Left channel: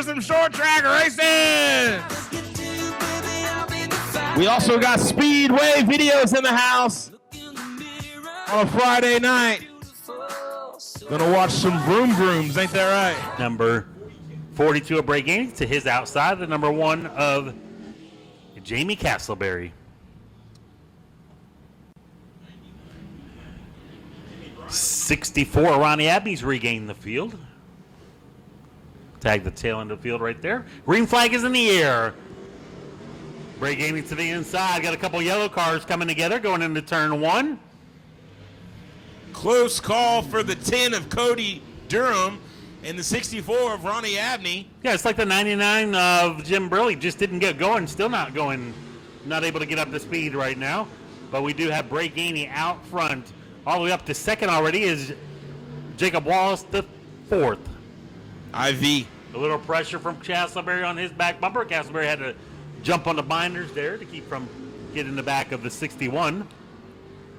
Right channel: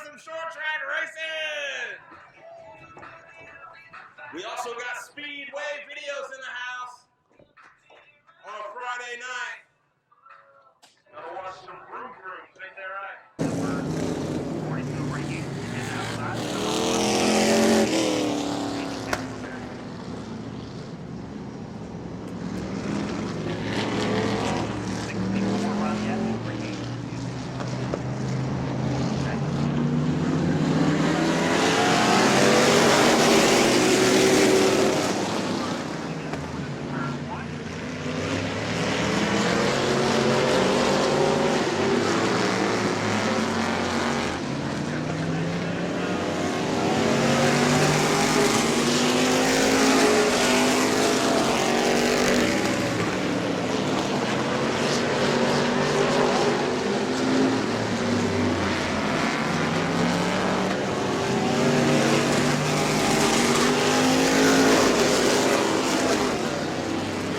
for some short track racing. We also got Speedway videos in the house on a Friday night. Gonna watch some vroom vrooms, ain't that right? Number 42 of Breaking to his outside, the number 1 of Jamie Castleberry. '64, Ronnie Abney's regained the field. Tag the tail end of the field right there. Green flag is in the air. Breaking to the inside. Got a couple yellow cars coming together going into turn 1. Close call for the 10 of Cody Durham and the 64 of Ronnie Abney. Yeah, it's like the 99 of Jim Burley. Just didn't get going. It's still not going. Not able to get up to speed right now. But we do have Breaking out front. All the way up to second already is Jacob Wallace to 4th. IV. A little pressure from Castleberry on his back bumper. Castleberry has to jump on the binder there. Gets the back of the 61.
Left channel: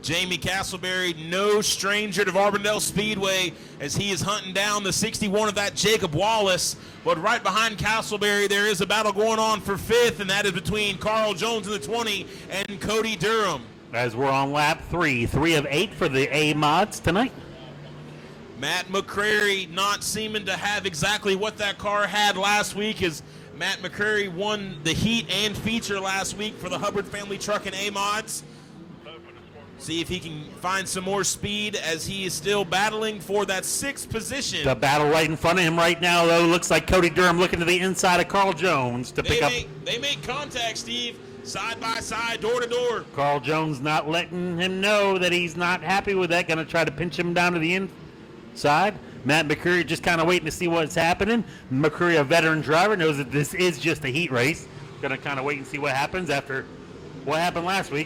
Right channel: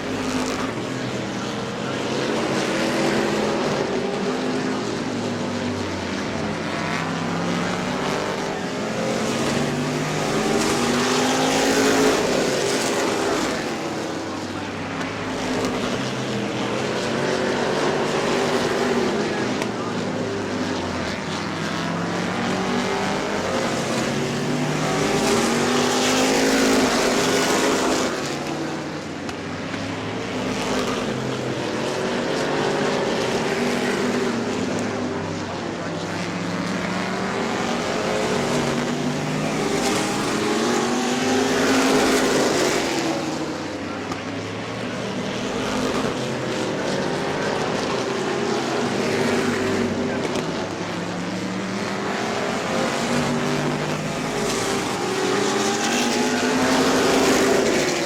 Jamie Castleberry, no stranger to Auburndale Speedway, as he is hunting down the 61 of that Jacob Wallace. But right behind Castleberry, there is a battle going on for 5th, and that is between Carl Jones and Cody Durham. As we're on lap 3 of 8 for the A mods tonight. Matt McCrary not seeming to have exactly what that car had last week, as Matt McCrary won the heat and feature last week for the A mods. See if he can find some more speed as he is still battling for that 6th position. The battle right in front of him right now, though, looks like Cody Durham looking to the inside of Carl Jones to pick up. Carl Jones not letting him know that he's not happy with that. Gonna try to pinch him down to the inside. Matt McCreary just kind of waiting to see what's happening. McCreary, a veteran driver, knows that this is just a heat race. Gonna kind of wait and see what happens after what happened last week.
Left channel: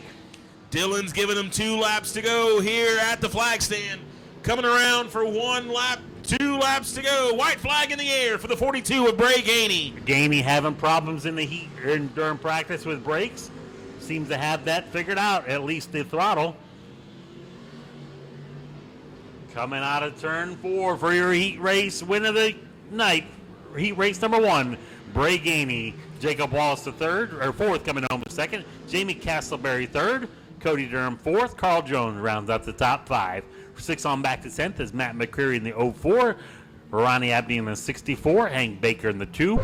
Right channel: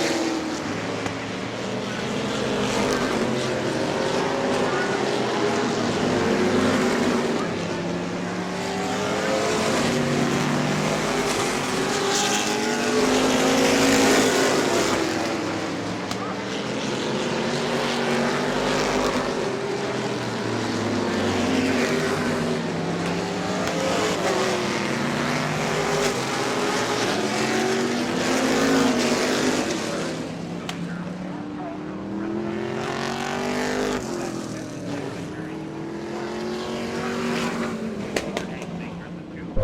Dylan's giving him 2 laps to go here at the flag stand. Coming around for 1 lap, 2 laps to go. White flag in the air for the 42 of Gray Gainey. Gainey having problems in the heat. During practice this race. To have that figured out, at least the throttle. Coming out of turn 4 for your heat race win of the night. Heat race number 1. Gray Gainey. Jacob Wallace 3rd, or 4th coming in on the 2nd. Jamie Castleberry 3rd. Cody Durham 4th. Carl Jones rounds up the top 5. 6 on back to 10th is Matt McCreary in the 04. Ronnie Abney in the 64. Hank Baker in the 2.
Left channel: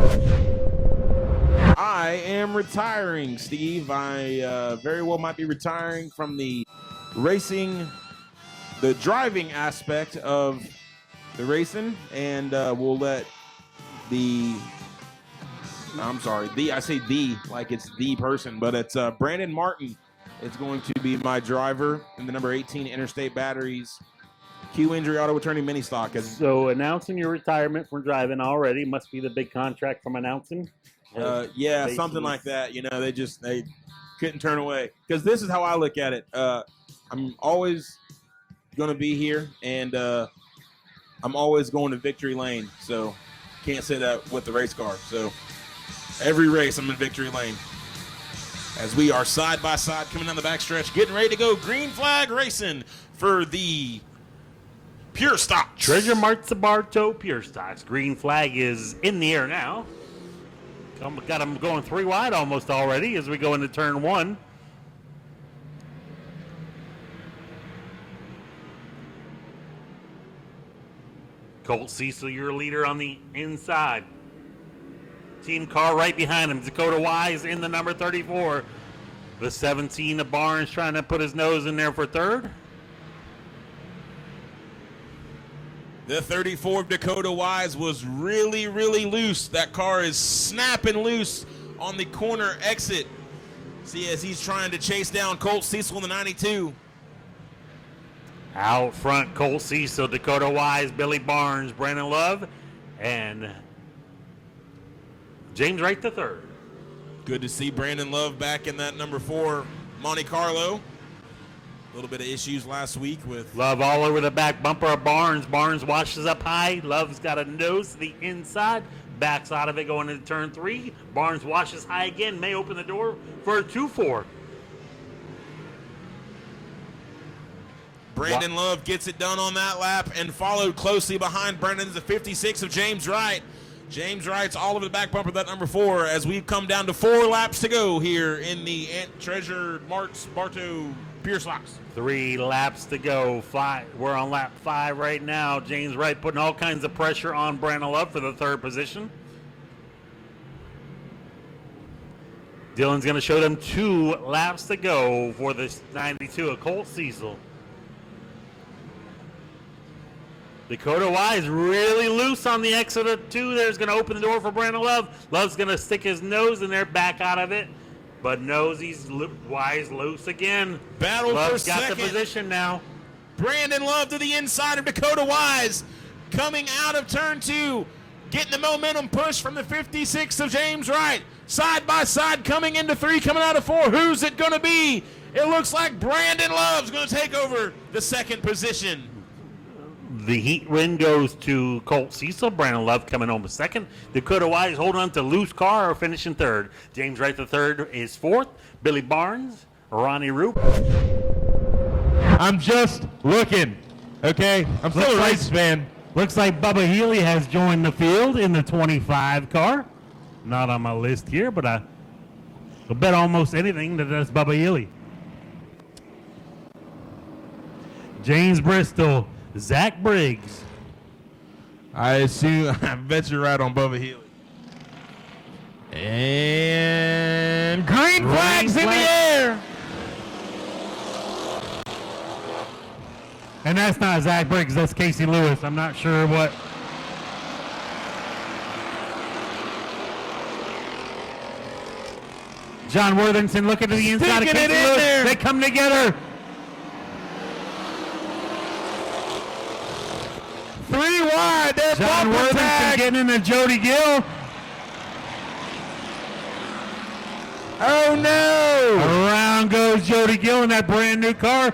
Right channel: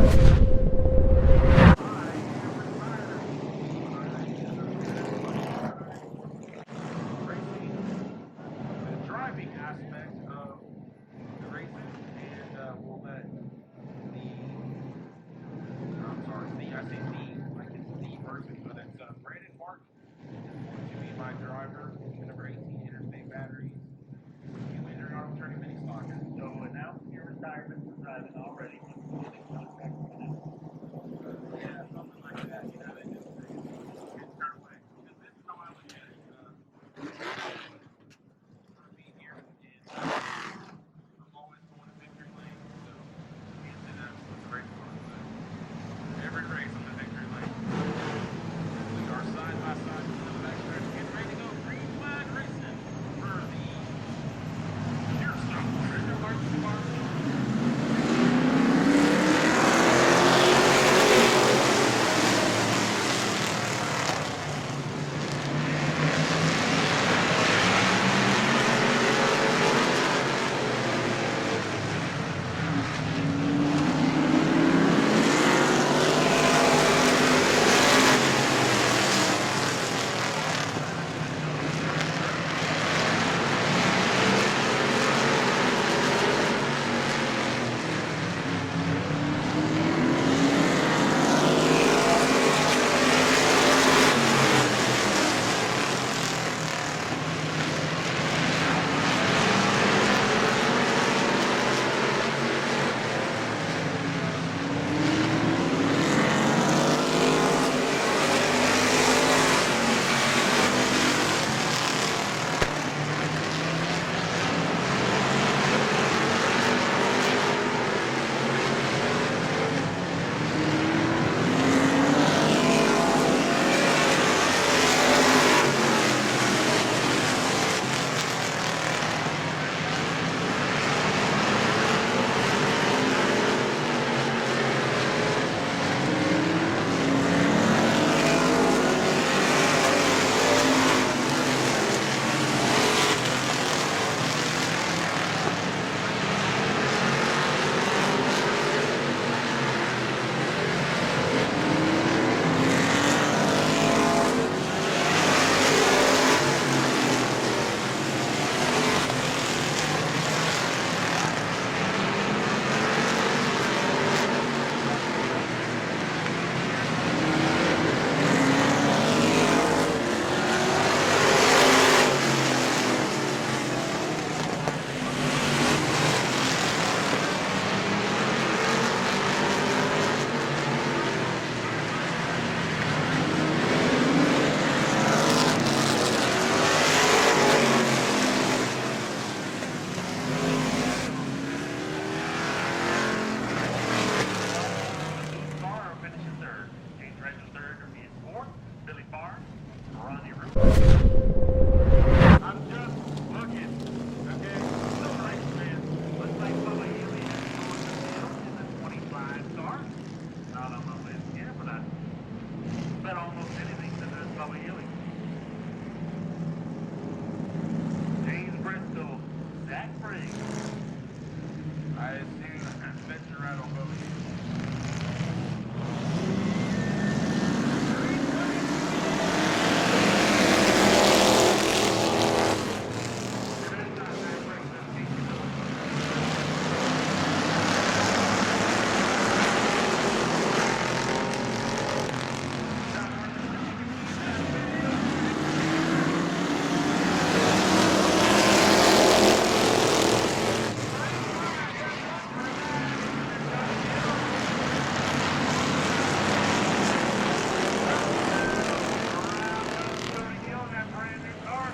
I am retiring, Steve. I very well might be retiring from the racing, the driving aspect of the racing, and we'll let the, I say the, like it's the person, but it's Brandon Martin. It's going to be my driver in the number 18 Interstate Batteries Q Injury Auto Attorney Mini Stock. So announcing your retirement from driving already must be the big contract from announcing. Yeah, something like that. You know, they couldn't turn away, because this is how I look at it. I'm always going to be here, and I'm always going to victory lane. So can't say that with the race car. So every race I'm in victory lane. As we are side by side coming down the backstretch, getting ready to go green flag racing for the Pure Stocks. Treasure Mart Sabarto Pure Stocks. Green flag is in the air now. We're going 3 wide almost already as we go into turn 1. Colt Cecil, your leader on the inside. Same car right behind him. Go wide, number 34. The 17 of Barnes trying to put his nose in there for 3rd. The 34 Dakota Wise was really, really loose. That car is snapping loose on the corner exit as he's trying to chase down Colt Cecil in the 92. Out front, Colt Cecil, Dakota Wise, Billy Barnes, Brandon Love, and James Wright the third. Good to see Brandon Love back in that for Monte Carlo. Issues last week. Love all over the back bumper of Barnes. Barnes washes up high. Love's got a nose to the inside. Backs out of it going into turn 3. Barnes washes high again. Naomi for 2-4. Brandon Love gets it done on that lap and followed closely behind Brandon, the 56 of James Wright. James Wright's all in back bumper at number 4 as we come down to 4 laps to go here in the 3 laps to go. We're on lap 5 right now. James Wright putting all kinds of pressure on Brandon Love for the 3rd position. Dylan's going to show them 2 laps to go for the full season. Dakota Wise really loose on the exit of 2 there. Is going to open the door for Brandon Love. Love's going to stick his nose in there, back out of it. But nose is Wise loose again. battle of position now. Brandon Love to the inside of Dakota Wise. Coming out of turn 2. Getting the momentum push from the 56 of James Wright. Side by side coming into 3, coming out of 4. Who's it going to be? It looks like Brandon Love will take over the 2nd position. The heat win goes to Colt Cecil. Brandon Love coming home 2nd. Dakota Wise holding on to loose car or finishing 3rd. James Wright the 3rd is 4th. Billy Barnes, Ronnie Roop. I'm just looking, okay? I'm still a race fan. Looks like Bubba Healy has joined the field in the 25 car. Not on my list here, but I will bet almost anything that that's Bubba Healy. James Bristol, Zach Briggs. I assume, I bet you're right on Bubba Hill. And green flags in the air. And that's not Zach Briggs, that's Casey Lewis. I'm not sure what. John Worthington looking to the inside of Sticking Casey it in Lewis. there. They come together. 3 wide. They're John bumper Worthington tag. getting into Jody Gill. Oh no. Around goes Jody Gill in that brand new car.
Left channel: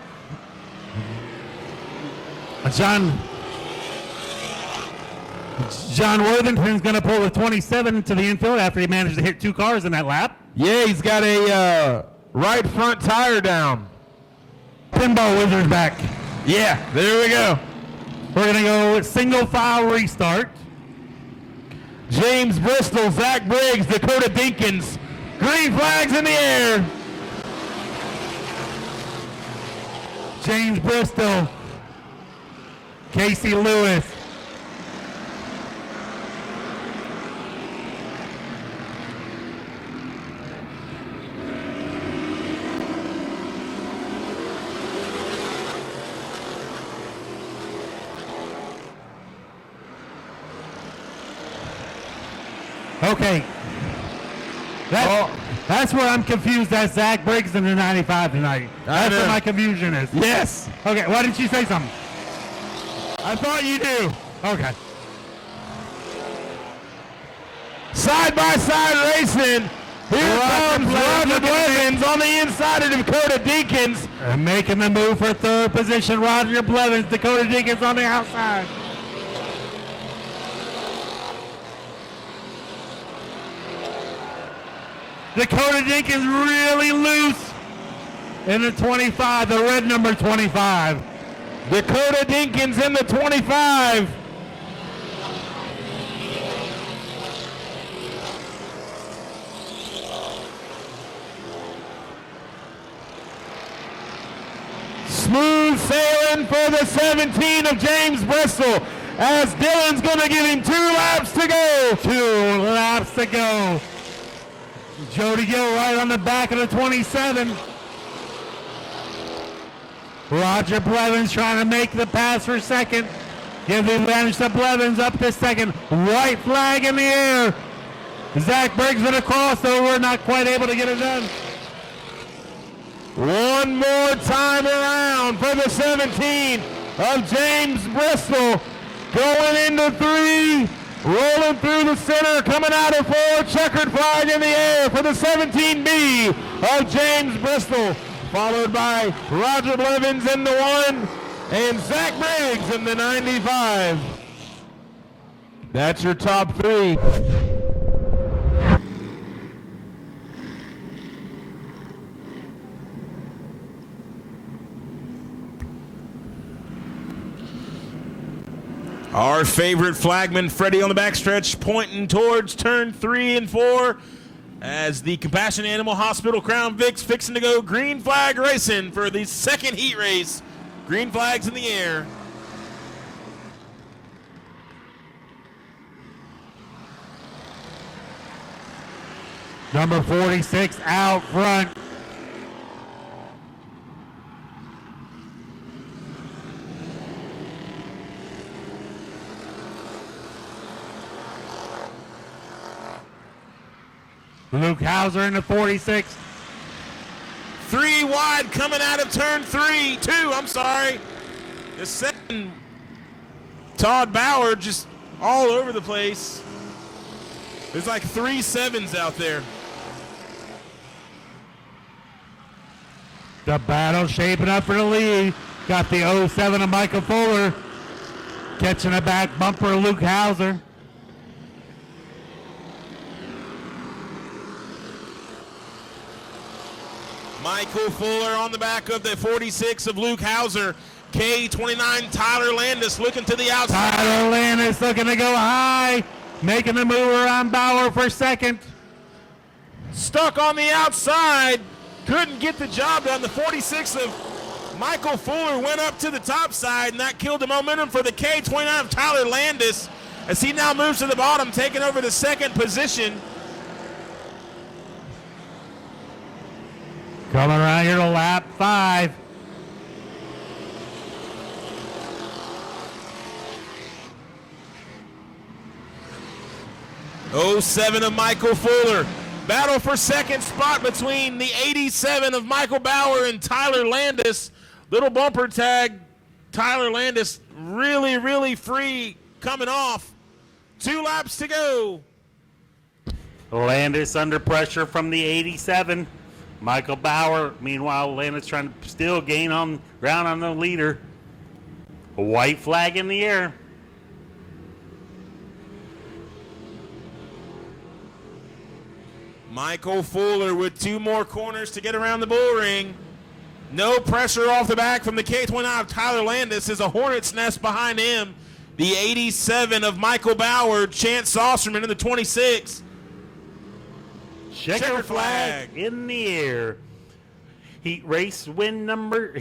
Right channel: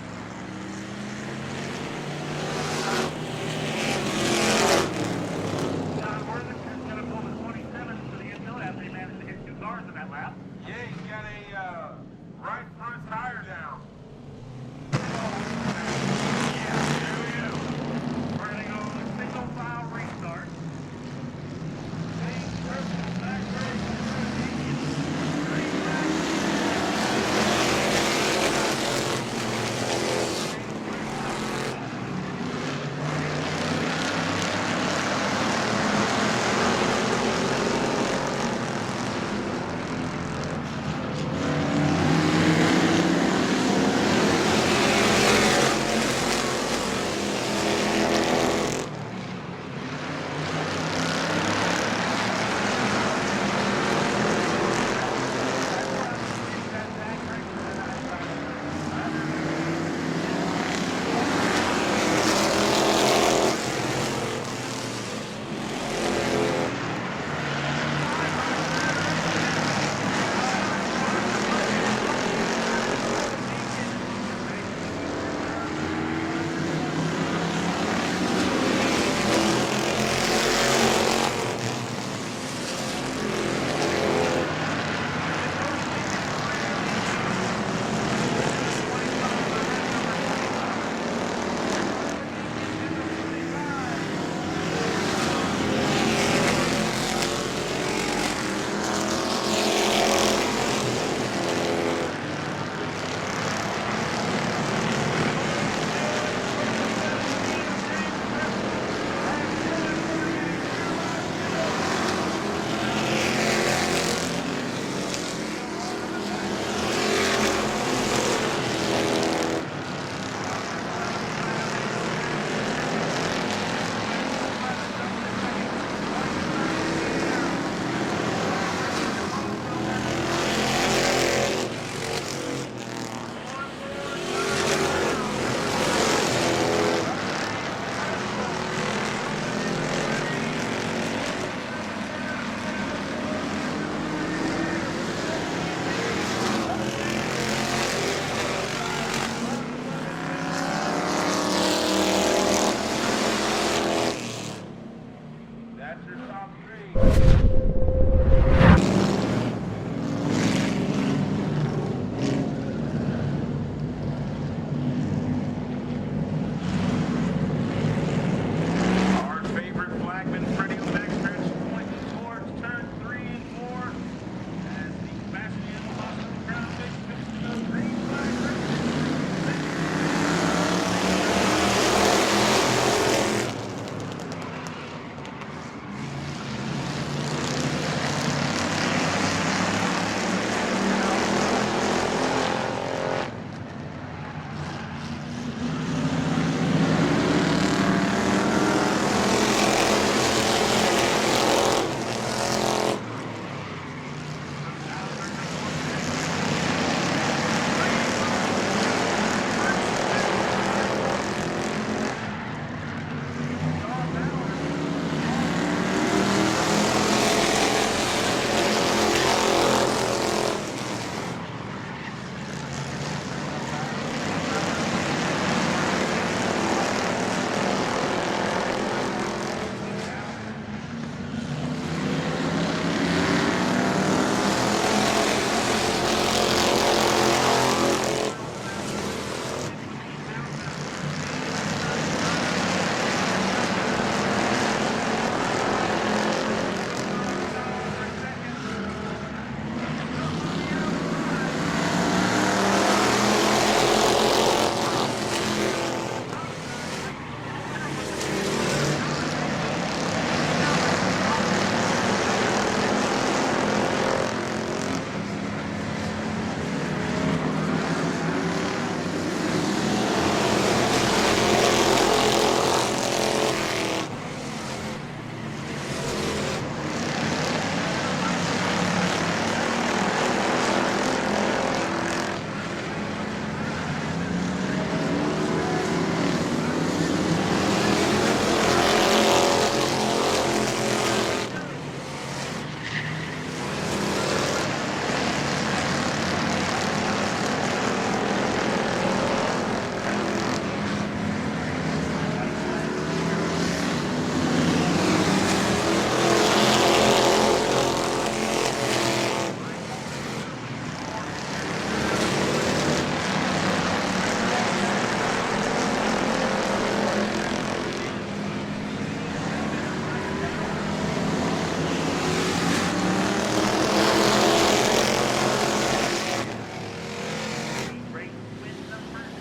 John Worthington's going to pull the 27 to the infield after he managed to hit 2 cars in that lap. Yeah, he's got a right front tire down. Pinball Wizard's back. Yeah, there we go. We're going to go with single file restart. James Bristol, Zach Briggs, Dakota Dinkins. Green flags in the air. James Bristol, Casey Lewis. Okay. That's where I'm confused. That's Zach Briggs in the 95 tonight. That's where my confusion is. Yes. Okay, why didn't she say something? I thought you knew. Okay. Side by side racing. Here comes Roger Blevins on the inside of Dakota Dinkins. And making the move for 3rd position, Roger Blevins. Dakota Dinkins on the outside. Dakota Dinkins really loose in the 25, the red number 25. Dakota Dinkins in the 25. Smooth sailing for the 17 of James Bristol as Dylan's going to give him 2 laps to go. 2 laps to go. Jody Gill right on the back of the 27. Roger Blevins trying to make the pass for 2nd. Give the advantage to Blevins up to 2nd. White flag in the air. Zach Briggs in a crossover, not quite able to get it done. One more time around for the 17 of James Bristol. Going into 3. Rolling through the center, coming out of 4, checkered flag in the air for the 17B of James Bristol, followed by Roger Blevins in the 1 and Zach Briggs in the 95. That's your top 3. All Our favorite flagman, Freddie, on the backstretch, pointing towards turn 3 and 4 as the Compassion Animal Hospital Crown Vic's fixing to go green flag racing for the second heat race. Green flags in the air. Number 46 out front. Luke Hauser in the 46. 3 wide coming out of turn 2, I'm sorry. The second, Todd Bauer just all over the place. There's like 3 sevens out there. The battle shaping up for the lead. Got the 07 of Michael Fuller. Catching a back bumper of Luke Hauser. Michael Fuller on the back of the 46 of Luke Hauser. K29 Tyler Landis looking to the outside. Tyler Landis looking to go high. Making the move around Bauer for second. Stuck on the outside. Couldn't get the job done. The 46 of Michael Fuller went up to the top side, and that killed the momentum for the K29 Tyler Landis as he now moves to the bottom, taking over the second position. Coming around here to lap 5. '07 of Michael Fuller. Battle for second spot between the 87 of Michael Bauer and Tyler Landis. Little bumper tag. Tyler Landis really, really free coming off. 2 laps to go. Landis under pressure from the 87. Michael Bauer, meanwhile, Landis trying to still gain on ground on the leader. A white flag in the air. Michael Fuller with 2 more corners to get around the bull ring. No pressure off the back from the K29 Tyler Landis as a hornet's nest behind him. The 87 of Michael Bauer, Chance Osterman in the 26. Flag in the air. Heat race number 2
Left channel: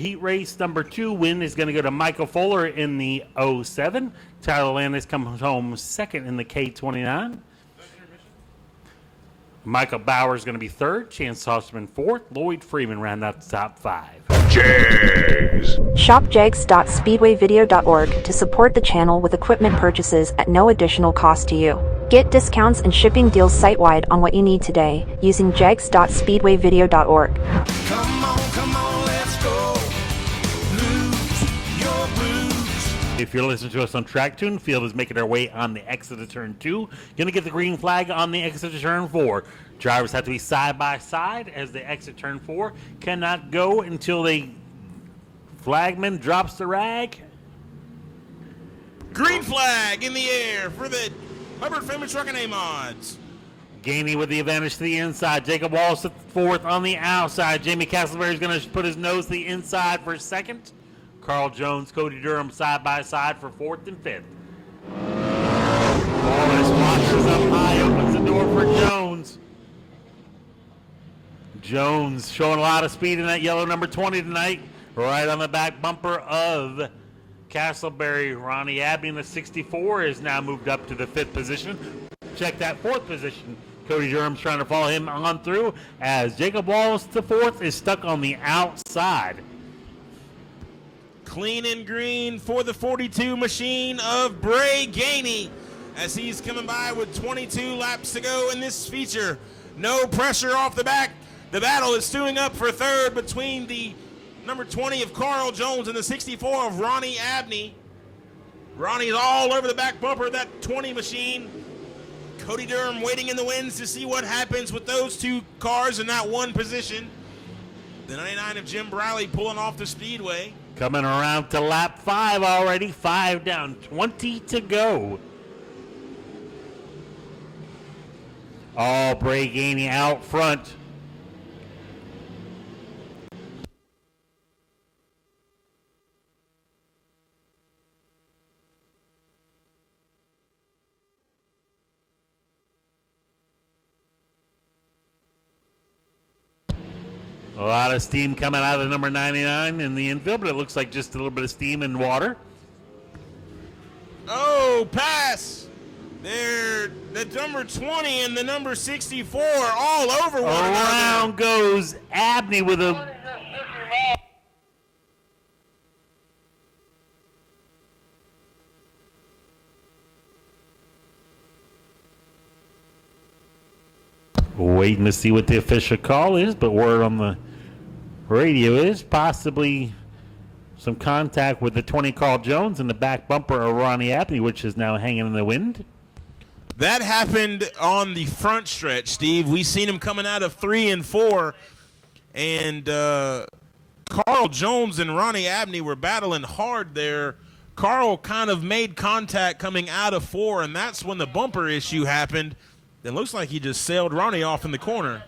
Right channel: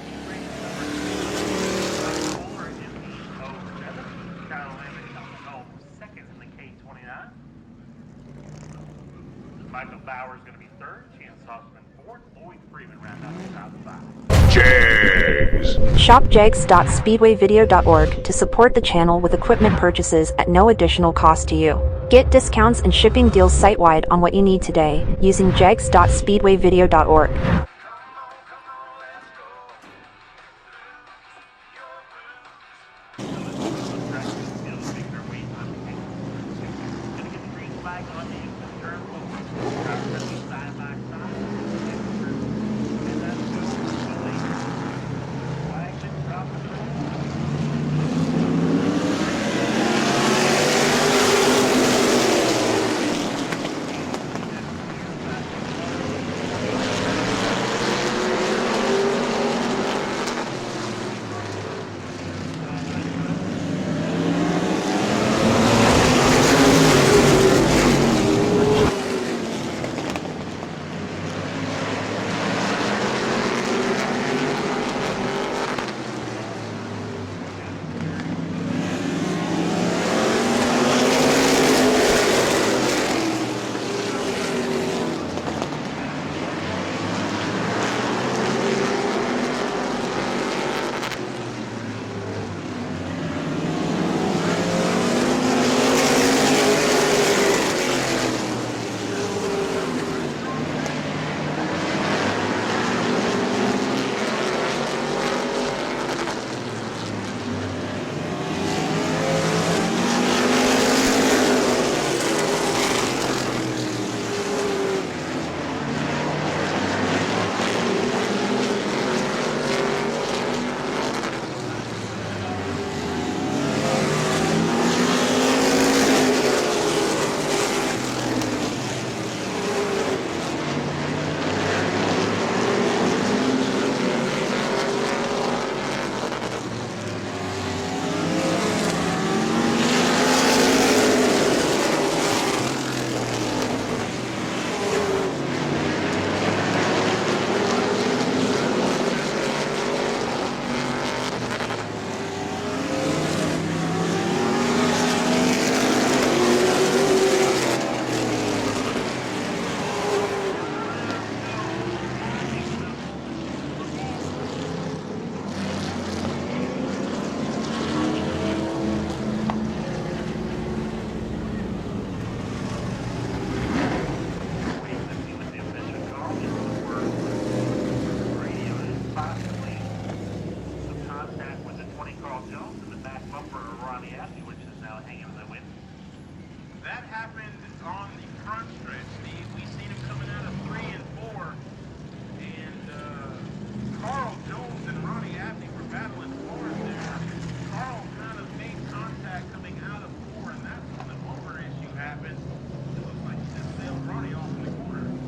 win is going to go to Michael Fuller in the 07. Tyler Landis comes home second in the K29. Michael Bauer is going to be third. Chance Osterman fourth. Lloyd Freeman round out the top 5. Jags. Shop jags.speedwayvideo.org to support the channel with equipment purchases at no additional cost to you. Get discounts and shipping deals site-wide on what you need today using jags.speedwayvideo.org. Come on, let's go. Lose your blues. If you're listening to us on Track Tune, Field is making their way on the exit of turn 2. Going to get the green flag on the exit of turn 4. Drivers have to be side by side as they exit turn 4. Cannot go until the flagman drops the rag. Green flag in the air. Gainey with the advantage to the inside. Jacob Wallace to fourth on the outside. Jamie Casper is going to put his nose to the inside for second. Carl Jones, Coach Durham side by side for fourth and fifth. Jones showing a lot of speed in that yellow number 20 tonight. Right on the back bumper of Castleberry. Ronnie Abney with 64 is down to Cody Durham trying to follow him on through as Jacob Wallace the fourth is stuck on the outside. Clean and green for the 42 machine of Bray Gainey. 2 laps to go in this feature. No pressure off the back. The battle is stewing up for third between the number 20 of Carl Jones and the 64 of Ronnie Abney. Ronnie's all over the back bumper of that machine. Waiting in the wings to see what happens with those 2 cars in that one position. 99 Jake Riley pulling off the speedway. Coming around to lap 5 already. 5 down. 1 to go. All Bray Gainey out front. but it looks like just a little bit of steam and water. Oh, pass. There's the number 20 and the number 64 all over one another. Around goes Abney with a waiting to see what the official call is, but word on the radio is possibly some contact with the 20 Carl Jones in the back bumper of Ronnie Abney, which is now hanging in the wind. That happened on the front stretch, Steve. We seen him coming out of 3 and 4, and Carl Jones and Ronnie Abney were battling hard there. Carl kind of made contact coming out of 4, and that's when the bumper issue happened. It looks like he just sailed Ronnie off in the corner.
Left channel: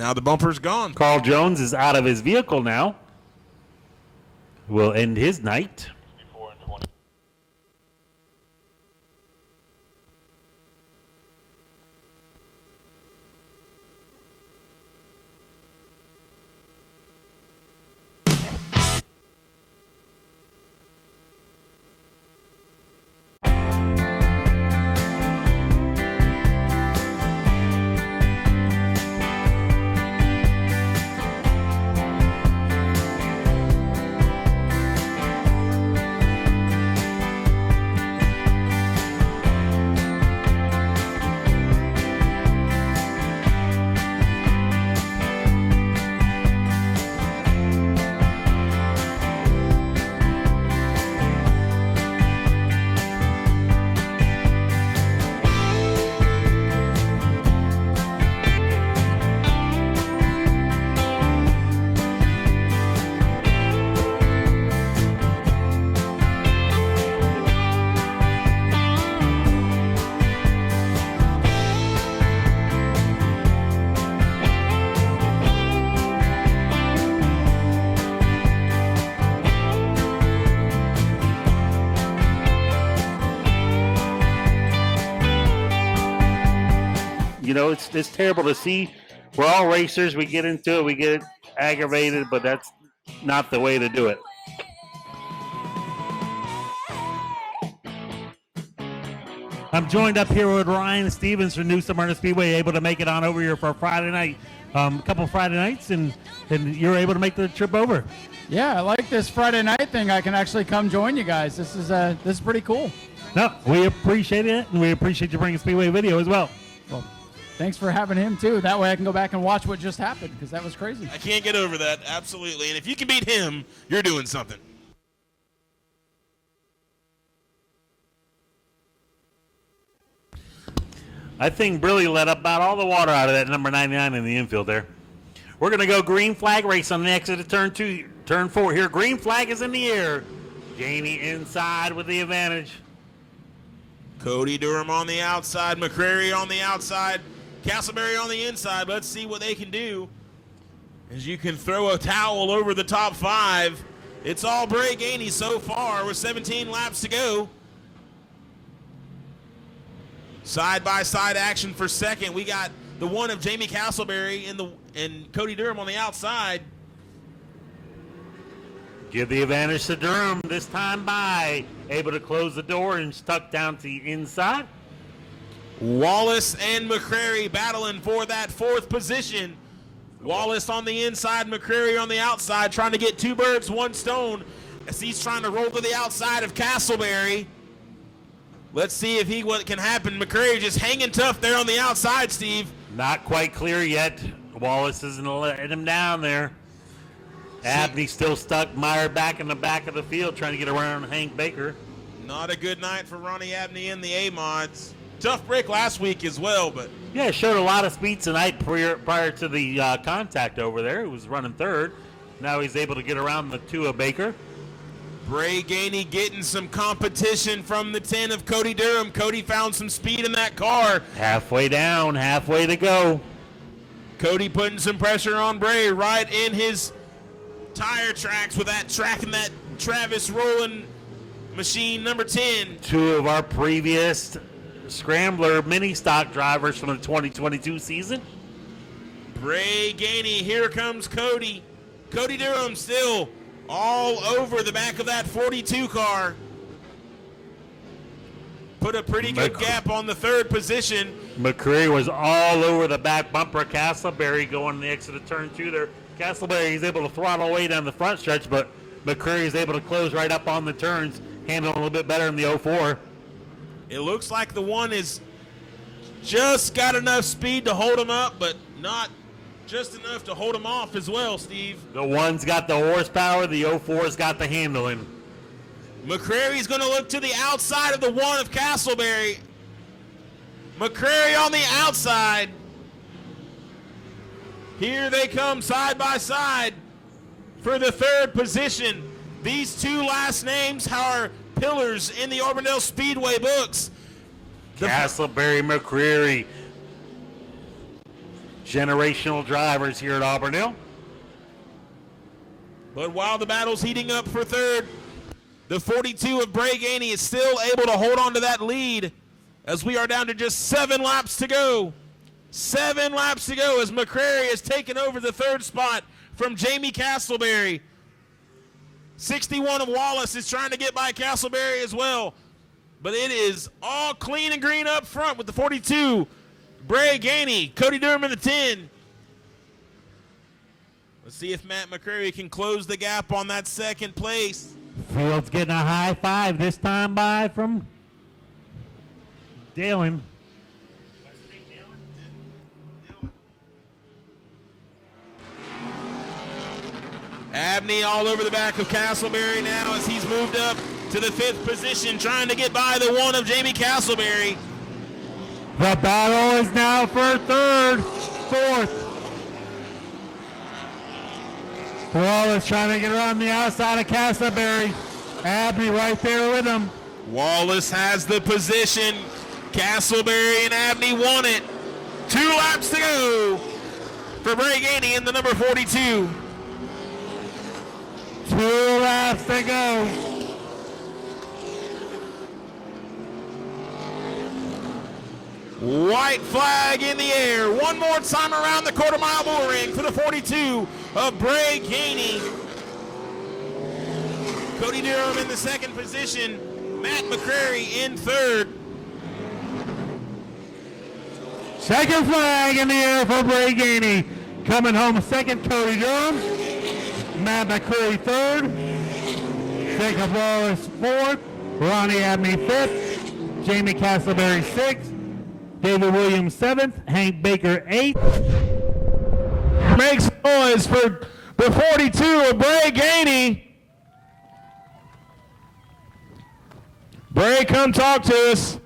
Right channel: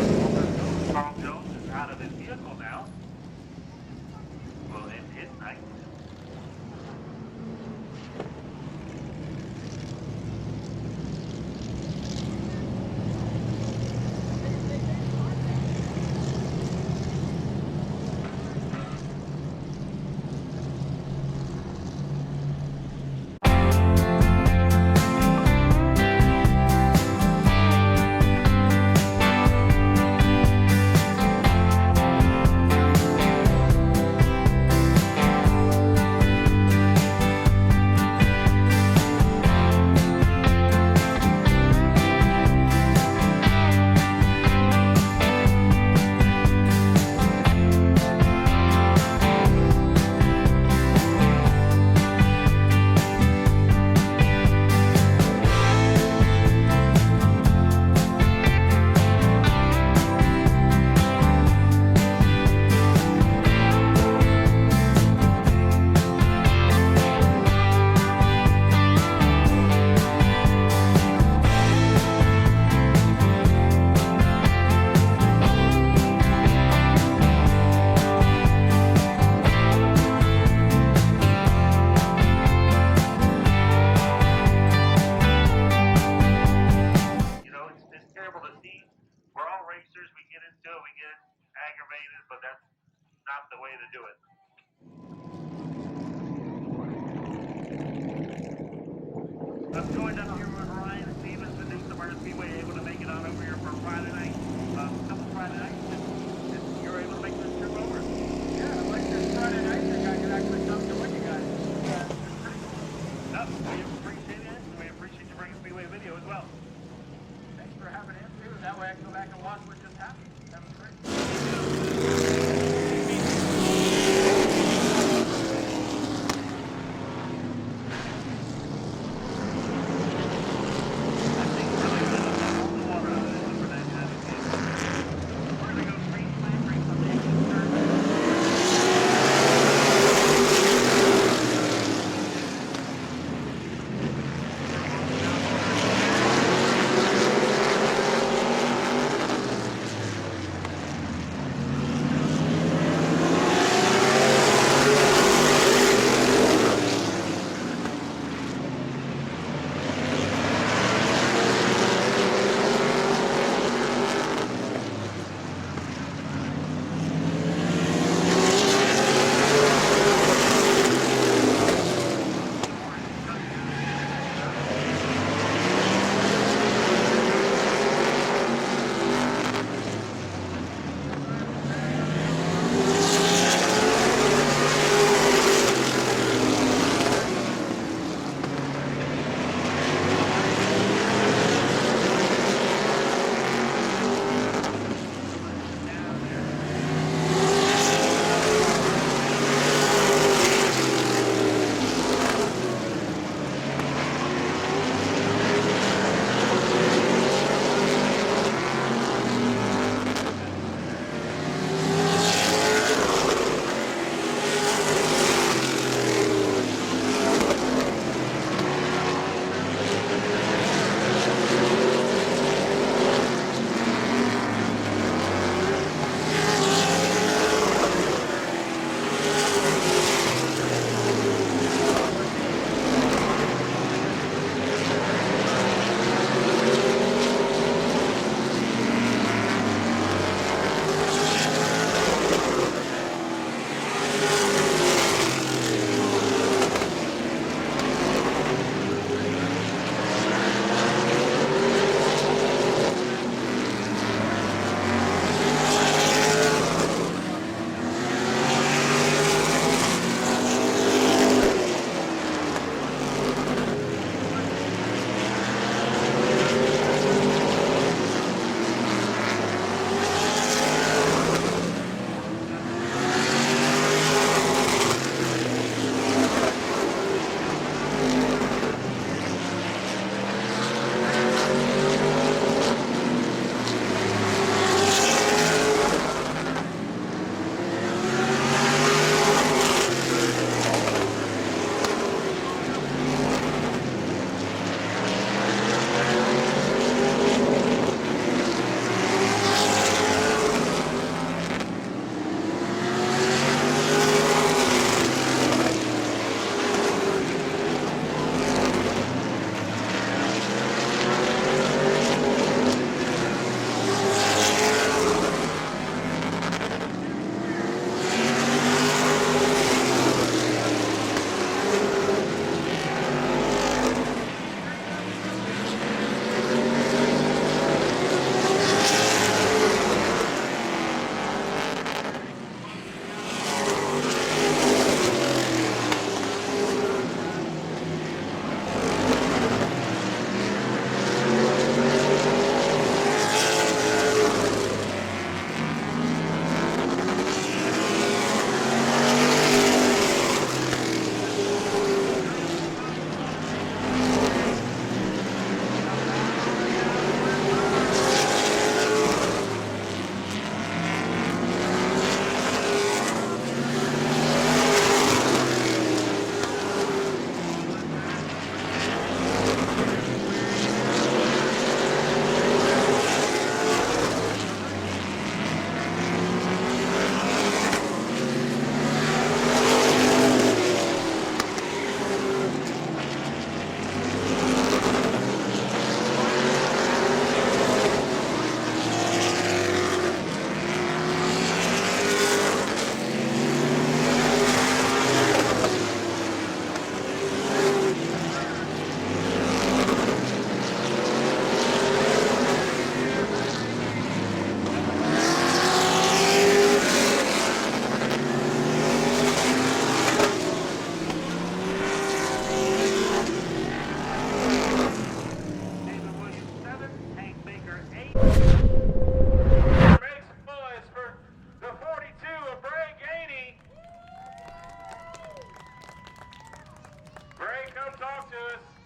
Now the bumper's gone. Carl Jones is out of his vehicle now. Will end his night. It's terrible to see. We're all racers. We get into it. We get aggravated, but that's not the way to do it. I'm joined up here with Ryan Stevens from Nau Sea Speedway, able to make it on over here for a Friday night. A couple Friday nights, and you're able to make the trip over. Yeah, I like this Friday night thing. I can actually come join you guys. This is pretty cool. No, we appreciate it, and we appreciate you bringing Speedway Video as well. Well, thanks for having him too. That way I can go back and watch what just happened, because that was crazy. You can't get over that, absolutely. And if you can beat him, you're doing something. That thing really let up about all the water out of that number 99 in the infield there. We're going to go green flag race on the exit of turn 2, turn 4 here. Green flag is in the air. Green inside with the advantage. Cody Durham on the outside, McCrary on the outside, Castleberry on the inside. Let's see what they can do. You can throw a towel over the top 5. It's all breaking so far. 17 laps to go. Side-by-side action for second. We got the one of Jamie Castleberry and Cody Durham on the outside. Give the advantage to Durham this time by. Able to close the door and stuck down to the inside. Wallace and McCrary battling for that 4th position. Wallace on the inside, McCrary on the outside, trying to get 2 birds, 1 stone. He's trying to go to the outside of Castleberry. Let's see if what can happen. McCrary just hanging tough there on the outside, Steve. Not quite clear yet. Wallace isn't letting him down there. Abney still stuck, mired back in the back of the field, trying to get around Hank Baker. What a good night from Ronnie Abney and the A-Mon. Tough break last week as well. Yeah, showed a lot of speed tonight prior to the contact over there. He was running 3rd. Now he's able to get around with 2 of Baker. Ray Gainey getting some competition from the 10 of Cody Durham. Cody found some speed in that car. Halfway down, halfway to go. Cody putting some pressure on Bray right in his tire tracks with that tracking that Travis Rowland machine number 10. 2 of our previous Scrambler mini stock drivers for 2022 season. Bray Gainey. Here comes Cody. Cody Durham still all over the back of that 42 car. Put a pretty good gap on the third position. McCreary was all over the back bumper. Castleberry going next. He's able to throttle way down the front stretch, but McCreary's able to close right up on the curve. Handled a little bit better in the 04. It looks like the one is just got enough speed to hold him up, but not just enough to hold him off as well, Steve. The one's got the horsepower, the 04's got the handle. McCreary's going to look to the outside of the one of Castleberry. McCreary on the outside. Here they come side by side for the third position. These two last names are pillars in the Auburndale Speedway books. Castleberry, McCreary. Generational drivers here at Auburndale. But while the battle's heating up for third, the 42 of Bray Gainey is still able to hold on to that lead as we are down to just 7 laps to go. 7 laps to go as McCreary is taking over the third spot from Jamie Castleberry. 61 of Wallace is trying to get by Castleberry as well. But it is all clean and green up front with the 42. Bray Gainey, Cody Durham for the 10. See if Matt McCreary can close the gap on that second place. Hill's getting a high five this time by from Halen. Abney all over the back of Castleberry now as he's moved up to the 5th position, trying to get by the one of Jamie Castleberry. The battle is now for third, fourth. Wallace trying to get around the outside of Castleberry. Abney right there with him. Wallace has the position. Castleberry and Abney won it. 2 laps to go for Bray Gainey in the number 42. 2 laps to go. White flag in the air. One more time around the quarter-mile bull ring for the 42 of Bray Gainey. Cody Durham in the second position. Matt McCreary in third. Second flag in the air for Bray Gainey. Coming home second, Cody Durham. Matt McCreary third. Jacob Wallace fourth. Ronnie Abney fifth. Jamie Castleberry sixth. David Williams 7th, Hank Baker 8th. Makes noise for the 42 of Bray Gainey. Bray, come talk to us.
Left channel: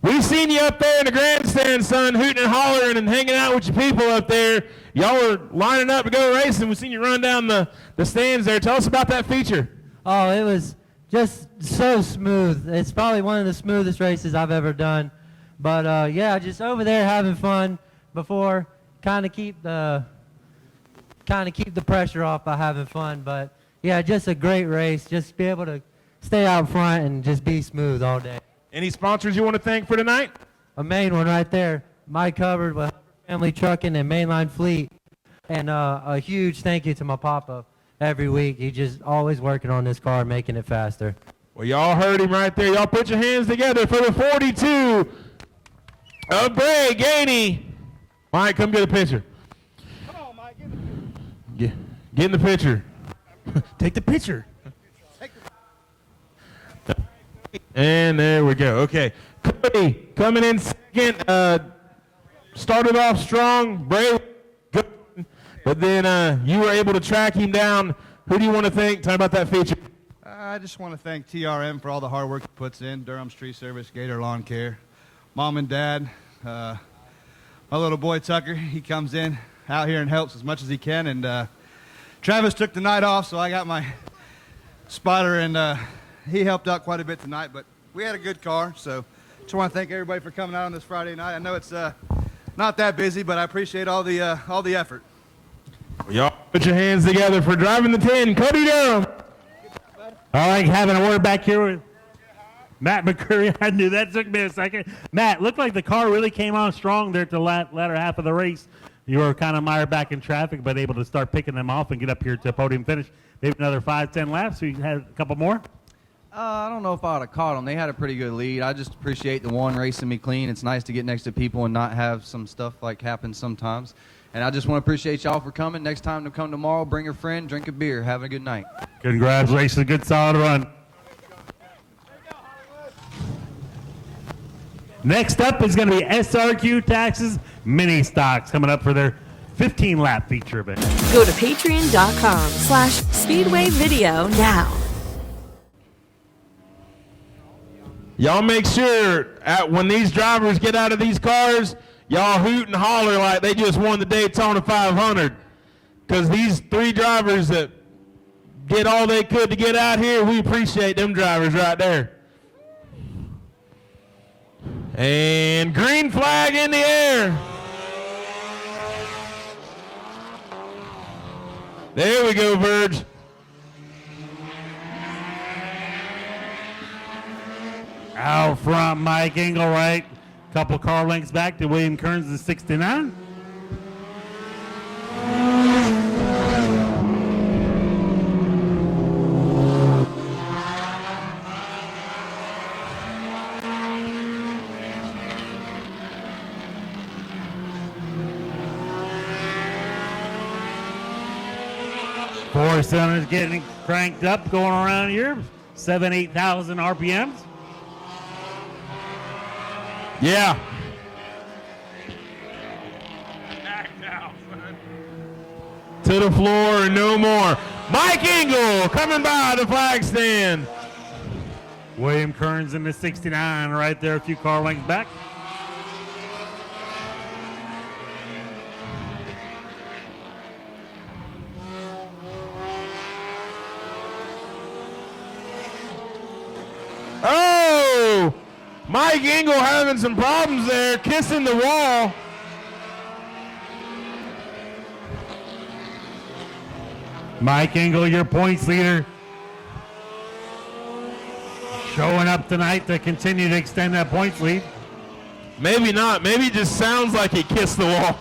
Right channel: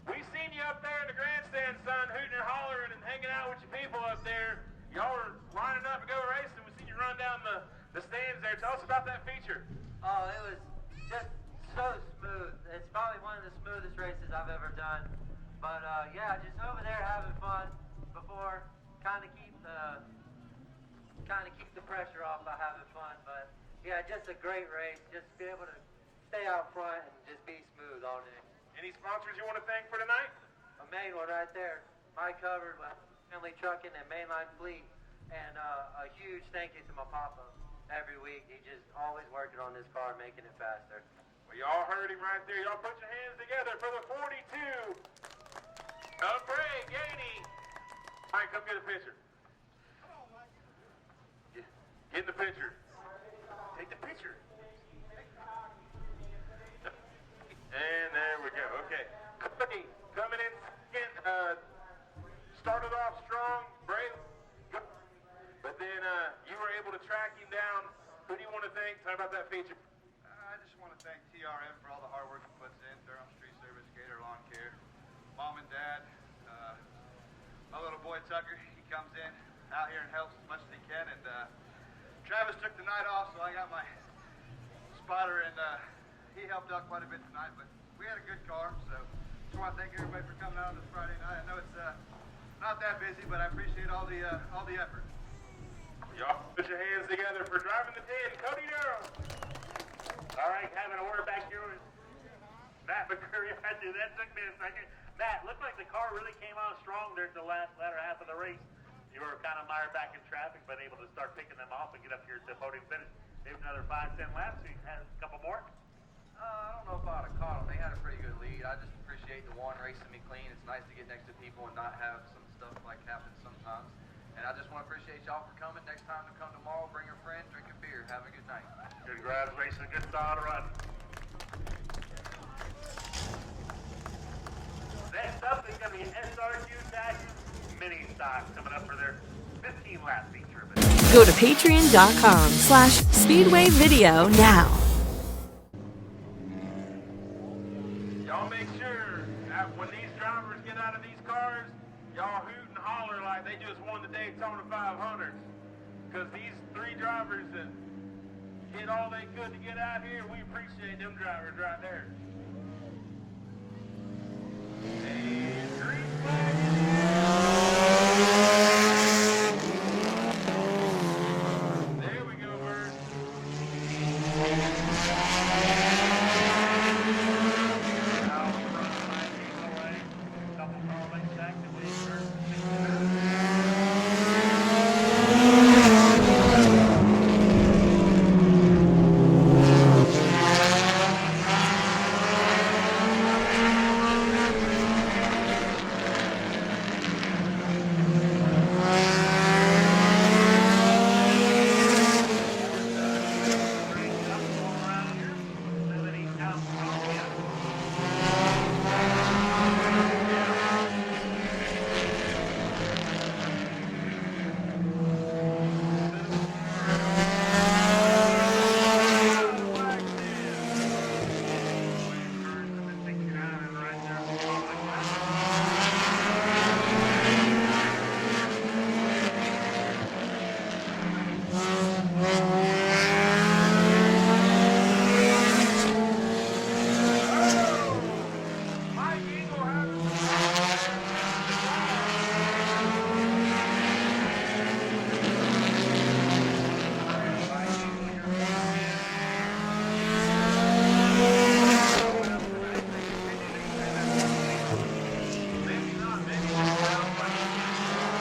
We seen you up there in the grandstand, son, hooting and hollering and hanging out with your people up there. Y'all were lining up to go racing. We seen you run down the stands there. Tell us about that feature. Oh, it was just so smooth. It's probably one of the smoothest races I've ever done. But yeah, just over there having fun before, kind of keep the pressure off by having fun. But yeah, just a great race. Just be able to stay out front and just be smooth all day. Any sponsors you want to thank for tonight? A main one right there, my covered with Family Trucking and Mainline Fleet, and a huge thank you to my papa every week. He just always working on this car, making it faster. Well, y'all heard him right there. Y'all put your hands together for the 42 of Bray Gainey. Mike, come get a picture. Come on, Mike. Get in the picture. Take the picture. And there we go. Okay. Cody coming in second. Started off strong. Bray, good. But then you were able to track him down. Who do you want to thank? Talk about that feature. I just want to thank TRM for all the hard work he puts in. Durham's Tree Service, Gator Lawn Care. Mom and Dad. My little boy Tucker, he comes in out here and helps as much as he can. And Travis took the night off, so I got my spotter, and he helped out quite a bit tonight. But we had a good car, so just want to thank everybody for coming out on this Friday night. I know it's not that busy, but I appreciate all the effort. Well, y'all put your hands together for driving the 10, Cody Durham. I like having a word back here with Matt McCreary. I knew that took me a second. Matt, looked like the car really came on strong there at the latter half of the race. you were kind of mired back in traffic, but able to start picking them off and get up here to podium finish. Maybe another 5-10 laps, so you had a couple more? I don't know if I would have caught them. They had a pretty good lead. I just appreciate the one racing me clean. It's nice to get next to people and not have some stuff like happen sometimes. And I just want to appreciate y'all for coming. Next time to come tomorrow, bring a friend, drink a beer. Have a good night. Congratulations, good solid run. Next up is going to be SRQ Taxes Mini Stocks coming up for their 15-lap feature event. Go to patreon.com/Speedway Video now. Y'all make sure when these drivers get out of these cars, y'all hoot and holler like they just won the Daytona 500. Because these 3 drivers that did all they could to get out here, we appreciate them drivers right there. And green flag in the air. There we go, Verge. Out front, Mike Engelwright. Couple car lengths back to William Kearns at 69. Four cylinders getting cranked up, going around here. 8,000 RPMs. Yeah. To the floor and no more. Mike Engel coming by the flag stand. William Kearns in the 69 right there, a few car lengths back. Oh! Mike Engel having some problems there, kissing the wall. Mike Engel, your points leader. Going up tonight to continue to extend that points lead. Maybe not. Maybe it just sounds like he kissed the wall.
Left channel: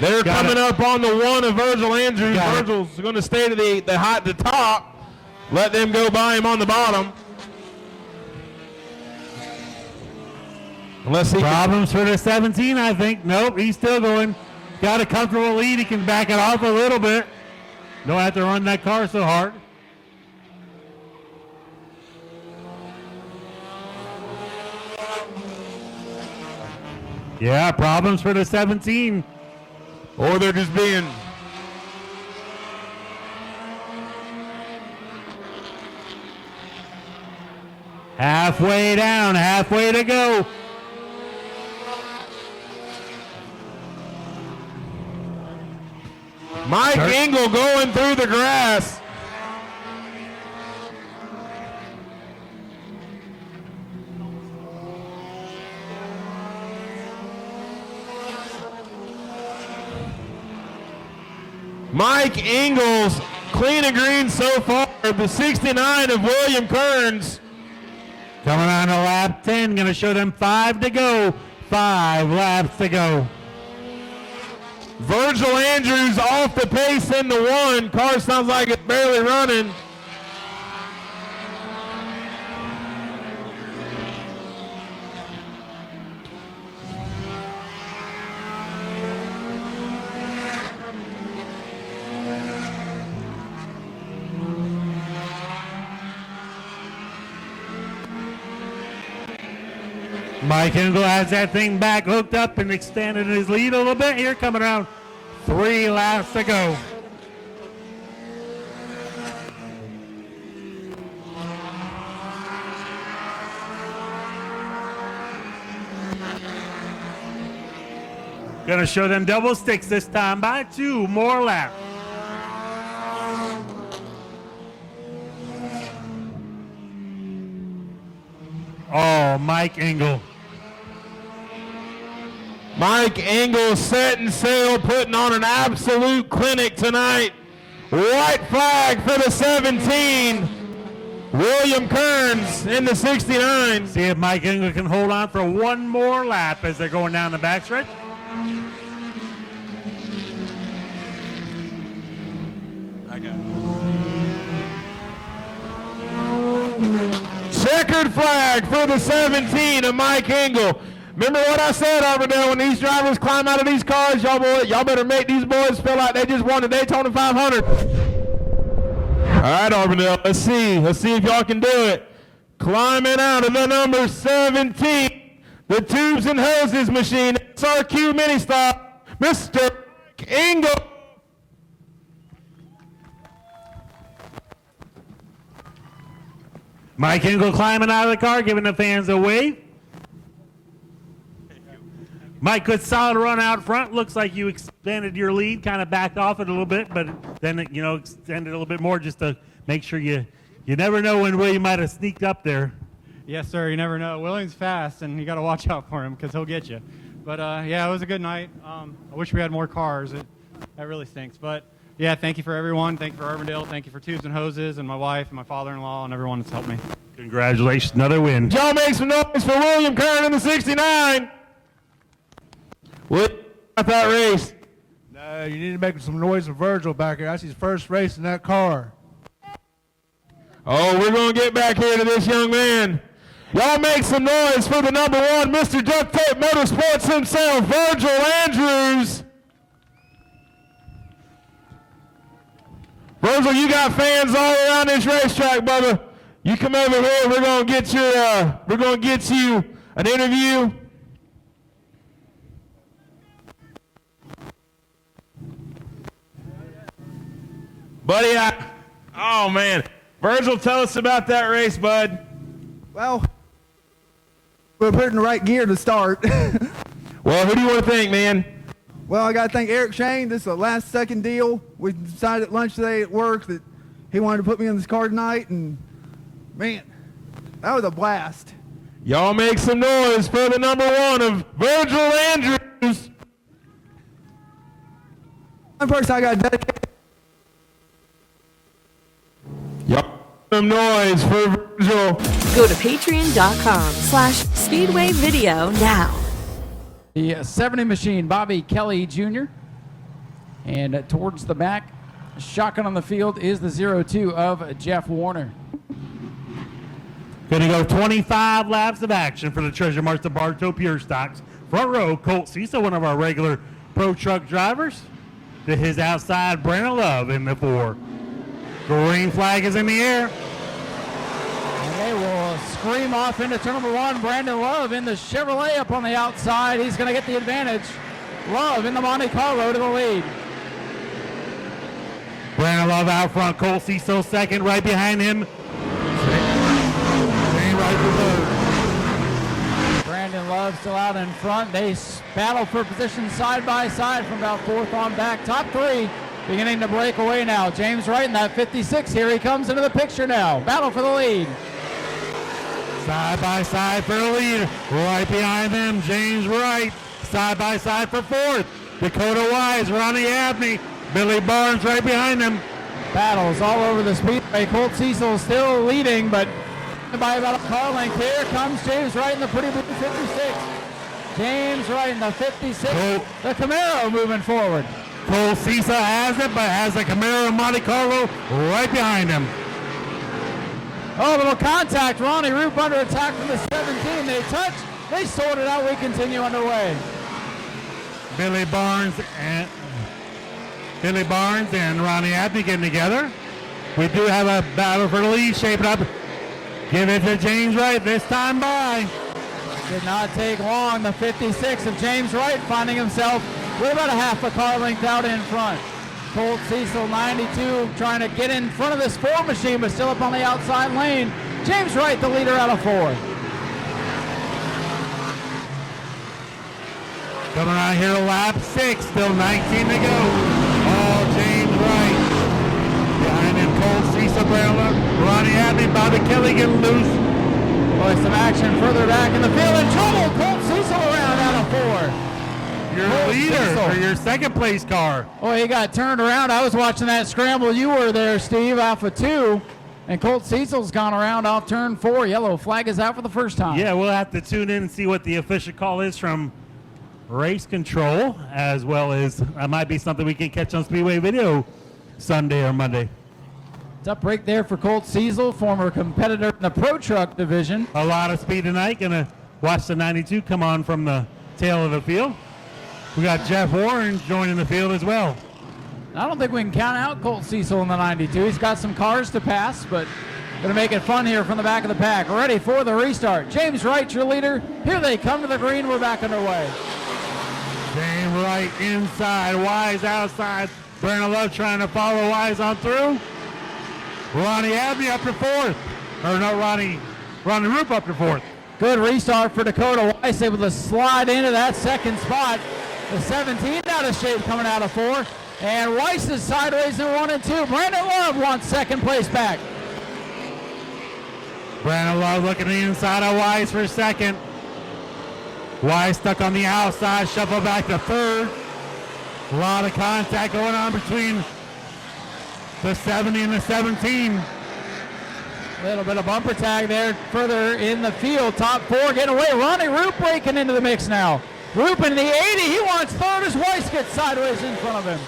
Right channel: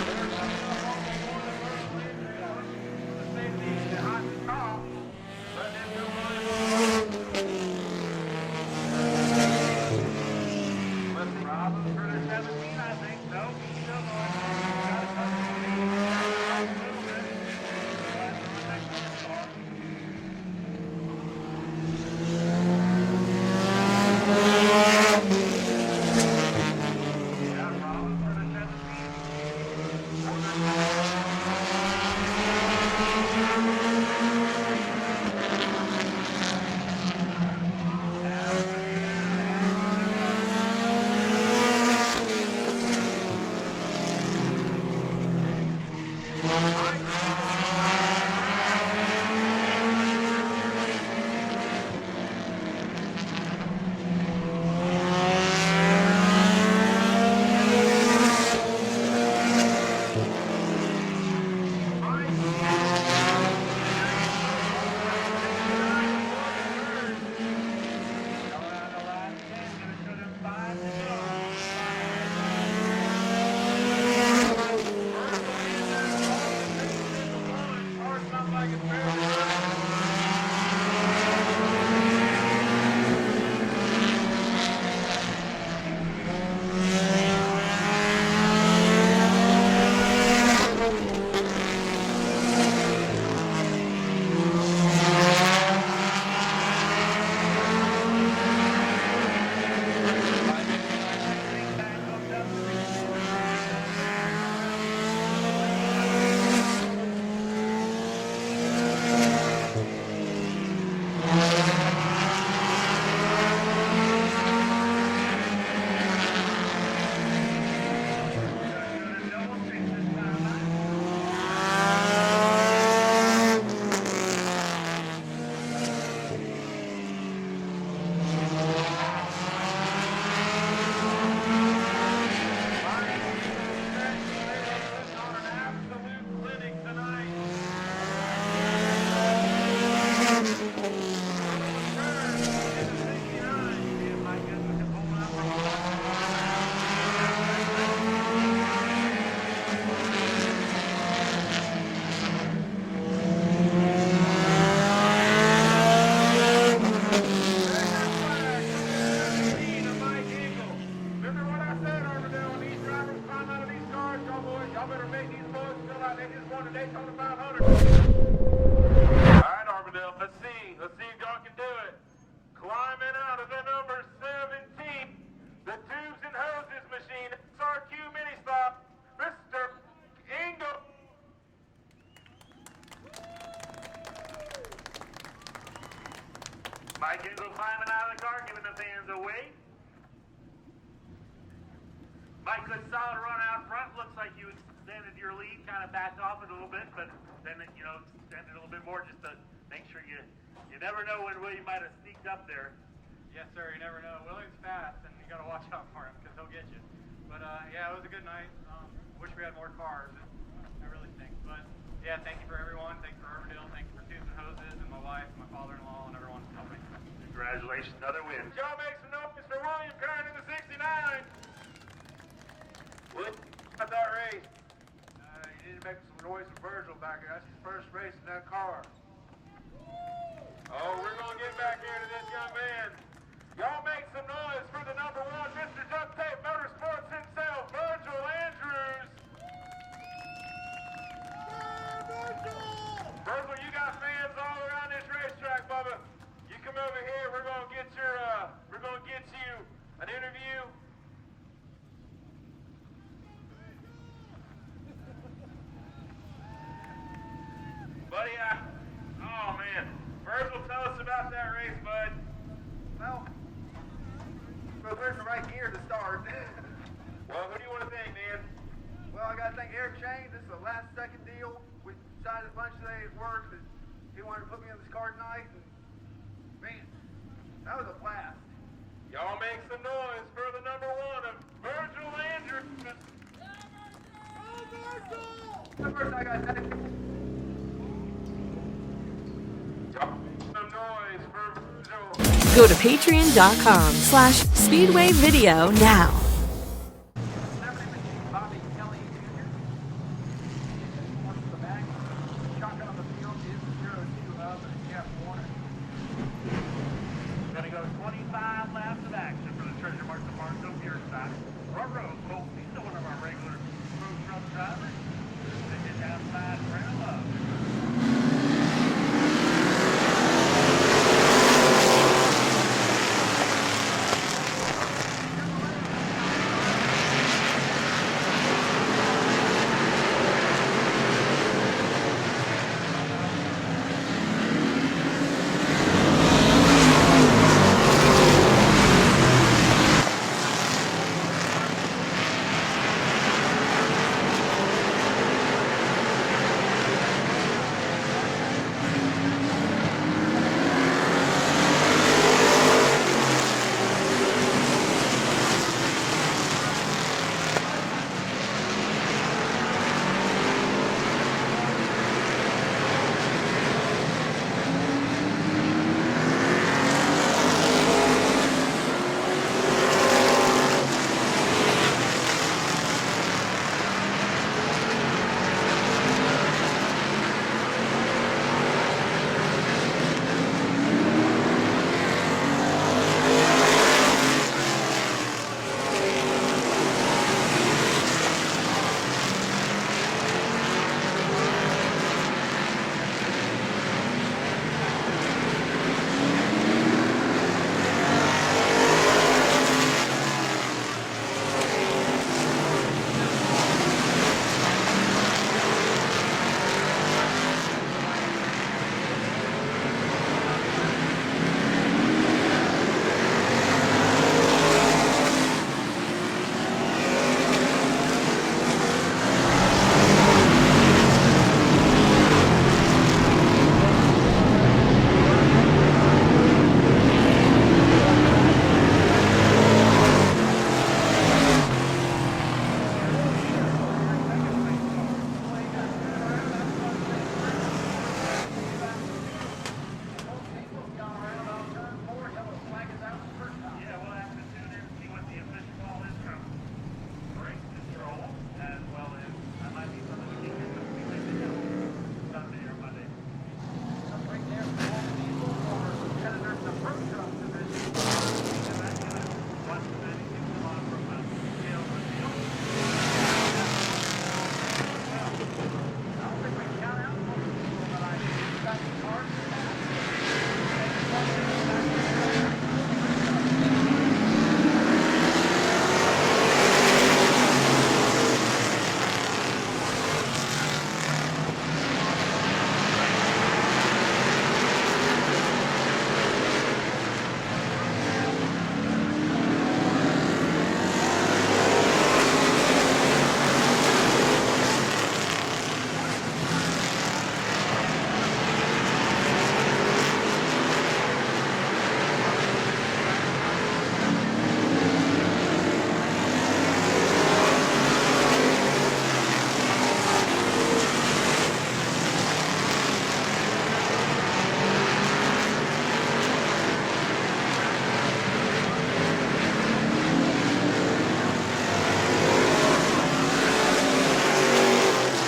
They're coming up on the 1 of Virgil Andrews. Virgil's going to stay to the top. Let them go by him on the bottom. Unless he Problems for the 17, I think. Nope, he's still going. Got a comfortable lead. He can back it off a little bit. Don't have to run that car so hard. Yeah, problems for the 17. Or they're just being... Halfway down, halfway to go. Mike Engel going through the grass. Mike Engel's clean and green so far. The 69 of William Kearns. Coming on to lap 10, going to show them 5 to go. 5 laps to go. Virgil Andrews off the pace in the 1. Car sounds like it's barely running. Mike Engel has that thing back hooked up and extended his lead a little bit here, coming around 3 laps to go. Gonna show them double sticks this time by 2 more laps. Oh, Mike Engel. Mike Engel setting sail, putting on an absolute clinic tonight. White flag for the 17. William Kearns in the 69. See if Mike Engel can hold on for one more lap as they're going down the backstretch. Checkered flag for the 17 of Mike Engel. Remember what I said, Auburndale, when these drivers climb out of these cars, y'all better make these boys feel like they just won the Daytona 500. All right, Auburndale, let's see if y'all can do it. Climbing out of the number 17, the Tubes and Hoses machine, SRQ mini stop, Mr. Engel. Mike Engel climbing out of the car, giving the fans a wave. Mike, good solid run out front. Looks like you expanded your lead, kind of backed off it a little bit, but then extended a little bit more just to make sure you never know when William might have sneaked up there. Yes, sir. You never know. William's fast, and you got to watch out for him because he'll get you. But yeah, it was a good night. I wish we had more cars. That really stinks. But yeah, thank you for everyone. Thank you for Auburndale. Thank you for Tubes and Hoses and my wife and my father-in-law and everyone that's helped me. Congratulations, another win. Y'all make some noise for William Kern in the 69. What about that race? No, you need to make some noise for Virgil back here. That's his first race in that car. Oh, we're going to get back here to this young man. Y'all make some noise for the number 1, Mr. Duct Tape Motorsports himself, Virgil Andrews. Virgil, you got fans all around this racetrack, brother. You come over here. We're going to get you an interview. Buddy, oh man. Virgil, tell us about that race, bud. Well, we're put in the right gear to start. Well, who do you want to thank, man? Well, I got to thank Eric Shane. This is a last-second deal. We decided at lunch today at work that he wanted to put me in this car tonight, and man, that was a blast. Y'all make some noise for the number 1 of Virgil Andrews. The person I got dedicated. Y'all some noise for Virgil. Go to patreon.com/Speedway Video now. The 70 machine, Bobby Kelly Jr. And towards the back, shotgun on the field is the 02 of Jeff Warner. Going to go 25 laps of action for the Treasure Marks of Bartow Pure Stocks. Front row, Colt Cecil, one of our regular pro truck drivers. To his outside, Brandon Love in the 4. Green flag is in the air. Scream off into turn number 1. Brandon Love in the Chevrolet up on the outside. He's going to get the advantage. Love in the Monte Carlo to the lead. Brandon Love out front. Cole Cecil second, right behind him. Brandon Love still out in front. They battle for position side by side for about 4th on back. Top 3 beginning to break away now. James Wright in that 56. Here he comes into the picture now. Battle for the lead. Side by side for the lead. Right behind him, James Wright. Side by side for 4th. Dakota Wise, Ronnie Abney, Billy Barnes right behind him. Battles all over the speedway. Colt Cecil still leading, but by the calling, here comes James Wright in the pretty good. James Wright in the 56. The Camaro moving forward. Cole Cecil has it, but has the Camaro Monte Carlo right behind him. Oh, little contact. Ronnie Roop under attack. They touch. They sort it out. We continue underway. Billy Barnes and Ronnie Abney getting together. We do have a battle for the lead shaping up. Give it to James Wright this time by. Did not take long. The 56 of James Wright finding himself with about a half a car length out in front. Colt Cecil 92 trying to get in front of this 4 machine, but still up on the outside lane. James Wright, the leader out of 4. Coming out here, lap 6, still 19 to go. James Wright. Colt Cecil, Ronnie Abney, Bobby Kelly getting loose. There's some action further back in the field. And trouble. Colt Cecil around out of 4. Your leader for your second place car. Oh, he got turned around. I was watching that scramble. You were there, Steve, Alpha 2. And Colt Cecil's gone around off turn 4. Yellow flag is out for the first time. Yeah, we'll have to tune in and see what the official call is from race control, as well as that might be something we can catch on Speedway Video Sunday or Monday. Tough break there for Colt Cecil, former competitor in the Pro Truck division. A lot of speed tonight. Gonna watch the 92 come on from the tail of the field. We got Jeff Warren joining the field as well. I don't think we can count out Colt Cecil in the 92. He's got some cars to pass, but going to make it fun here from the back of the pack. Ready for the restart. James Wright, your leader. Here they come to the green. We're back in the way. James Wright inside, Wise outside. Brandon Love trying to follow Wise on through. Ronnie Abbey up to 4th. Or no, Ronnie Roop up to 4th. Good restart for Dakota Weiss, able to slide into that second spot. The 17 out of shape coming out of 4. And Weiss is sideways in 1 and 2. Brandon Love wants second place back. Brandon Love looking the inside of Wise for second. Wise stuck on the outside, shuffle back to 3rd. A lot of contact going on between the 70 and the 17. A little bit of bumper tag there further in the field. Top 4 getting away. Ronnie Roop breaking into the mix now. Roop in the 80. He wants Motors. Weiss gets sideways in front of him.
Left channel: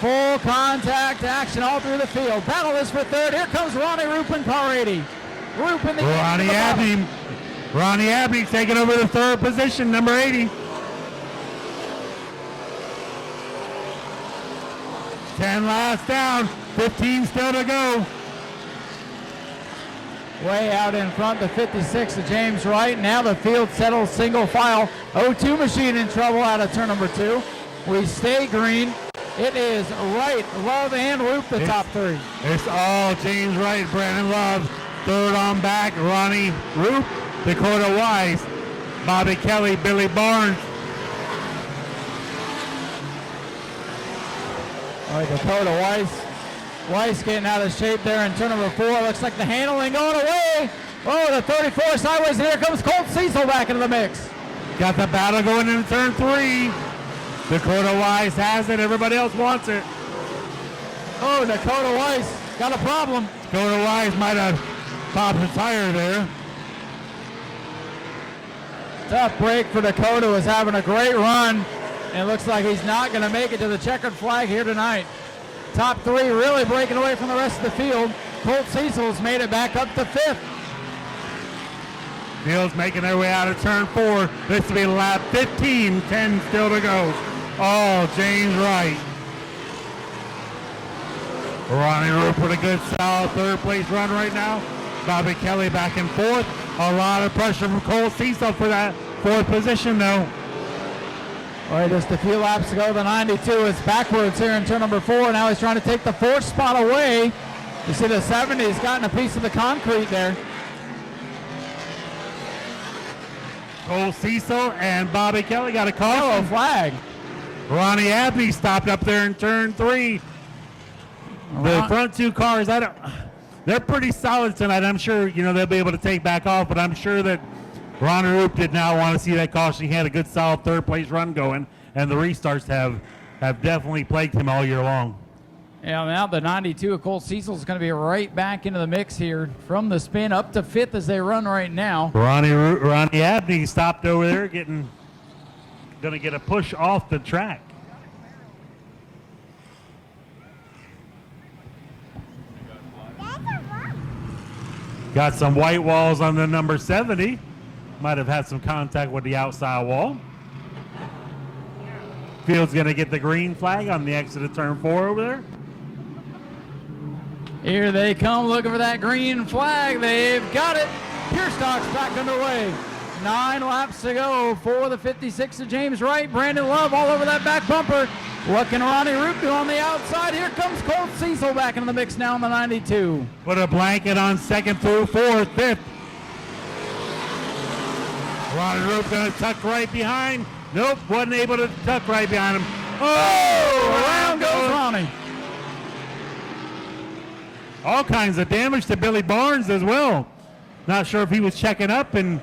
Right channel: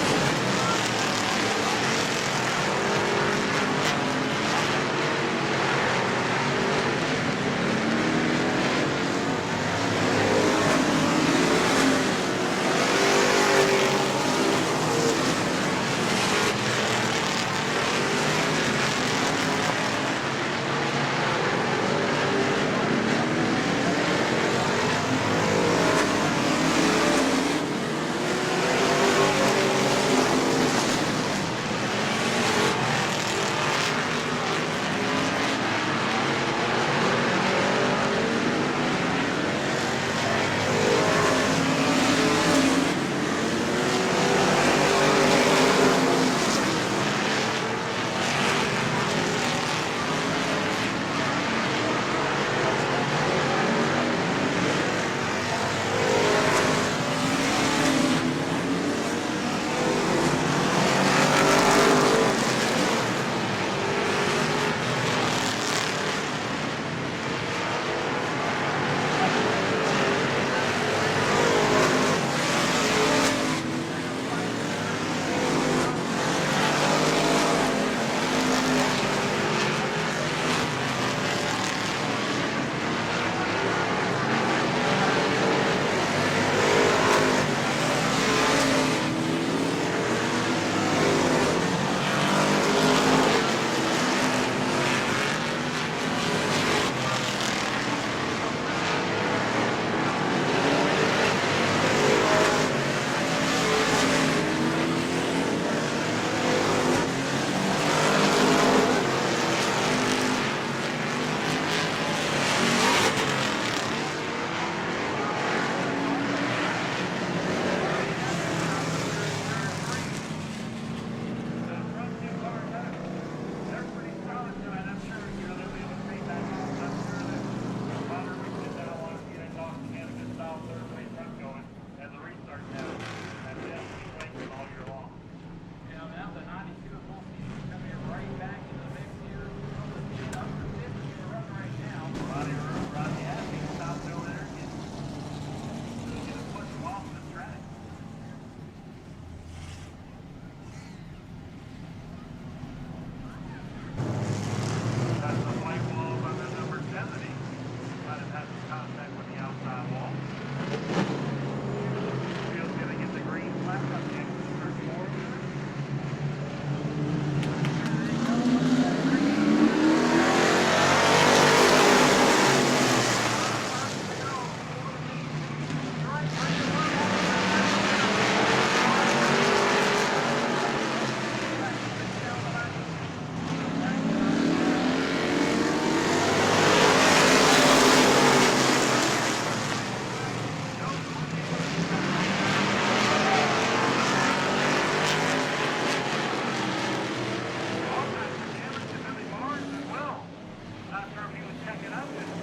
Full contact action all through the field. Paddle is for 3rd. Here comes Ronnie Roop in car 80. Roop in the Ronnie Abbey taking over the 3rd position, number 80. 10 laps down, 15 still to go. Way out in front, the 56 of James Wright. Now the field settles single file. 02 machine in trouble out of turn number 2. We stay green. It is Wright, Love, and Roop the top 3. It's all James Wright, Brandon Love. 3rd on back, Ronnie Roop, Dakota Wise, Bobby Kelly, Billy Barnes. Dakota Weiss getting out of shape there in turn number 4. Looks like the handling going away. Oh, the 34 sideways. Here comes Colt Cecil back into the mix. Got the battle going in turn 3. Dakota Wise has it. Everybody else wants it. Oh, Dakota Weiss got a problem. Dakota Wise might have popped his tire there. Tough break for Dakota. Was having a great run. It looks like he's not going to make it to the checkered flag here tonight. Top 3 really breaking away from the rest of the field. Colt Cecil's made it back up to 5th. Field's making their way out of turn 4. This will be lap 15. 10 still to go. Oh, James Wright. Ronnie Roop with a good solid 3rd place run right now. Bobby Kelly back in 4th. A lot of pressure from Colt Cecil for that 4th position though. All right, just a few laps to go. The 92 is backwards here in turn number 4. Now he's trying to take the 4th spot away. You see the 70's gotten a piece of the concrete there. Colt Cecil and Bobby Kelly got a call. Oh, a flag. Ronnie Abbey stopped up there in turn 3. The front 2 cars, they're pretty solid tonight. I'm sure, they'll be able to take back off, but I'm sure that Ronnie Roop did not want to see that caution. He had a good solid 3rd place run going, and the restarts have definitely plagued him all year long. Yeah, now the 92 of Colt Cecil is going to be right back into the mix here from the spin up to 5th as they run right now. Ronnie Abney stopped over there, going to get a push off the track. Got some white walls on the number 70. Might have had some contact with the outside wall. Field's going to get the green flag on the exit of turn 4 over there. Here they come looking for that green flag. They've got it. Back of the way. 9 laps to go for the 56 of James Wright. Brandon Love all over that back bumper. What can Ronnie Roop do on the outside? Here comes Colt Cecil back in the mix now in the 92. Put a blanket on 2nd through 4th, 5th. Ronnie Roop going to tuck right behind. Nope, wasn't able to tuck right behind him. Oh, around goes Ronnie. All kinds of damage to Billy Barnes as well. Not sure if he was checking up and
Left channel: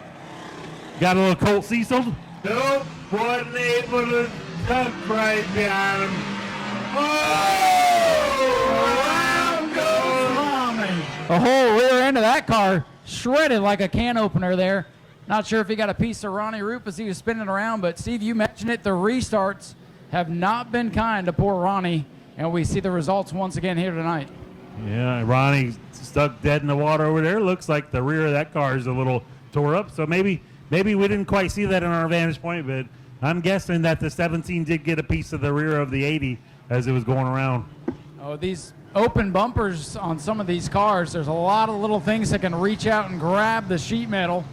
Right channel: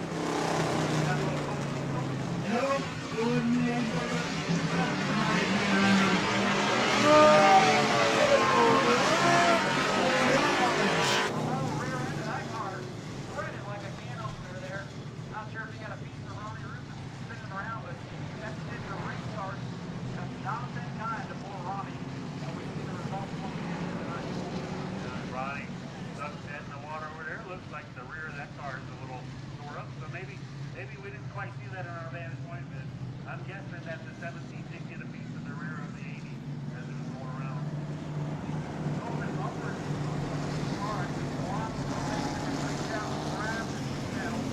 got a little Colt Cecil. Nope, wasn't able to tuck right behind him. Oh, around goes The whole rear end of that car shredded like a can opener there. Not sure if he got a piece of Ronnie Roop as he was spinning around, but Steve, you mentioned it, the restarts have not been kind to poor Ronnie, and we see the results once again here tonight. Yeah, Ronnie stuck dead in the water over there. Looks like the rear of that car is a little tore up, so maybe we didn't quite see that in our vantage point, but I'm guessing that the 17 did get a piece of the rear of the 80 as it was going around. Oh, these open bumpers on some of these cars, there's a lot of little things that can reach out and grab the sheet metal.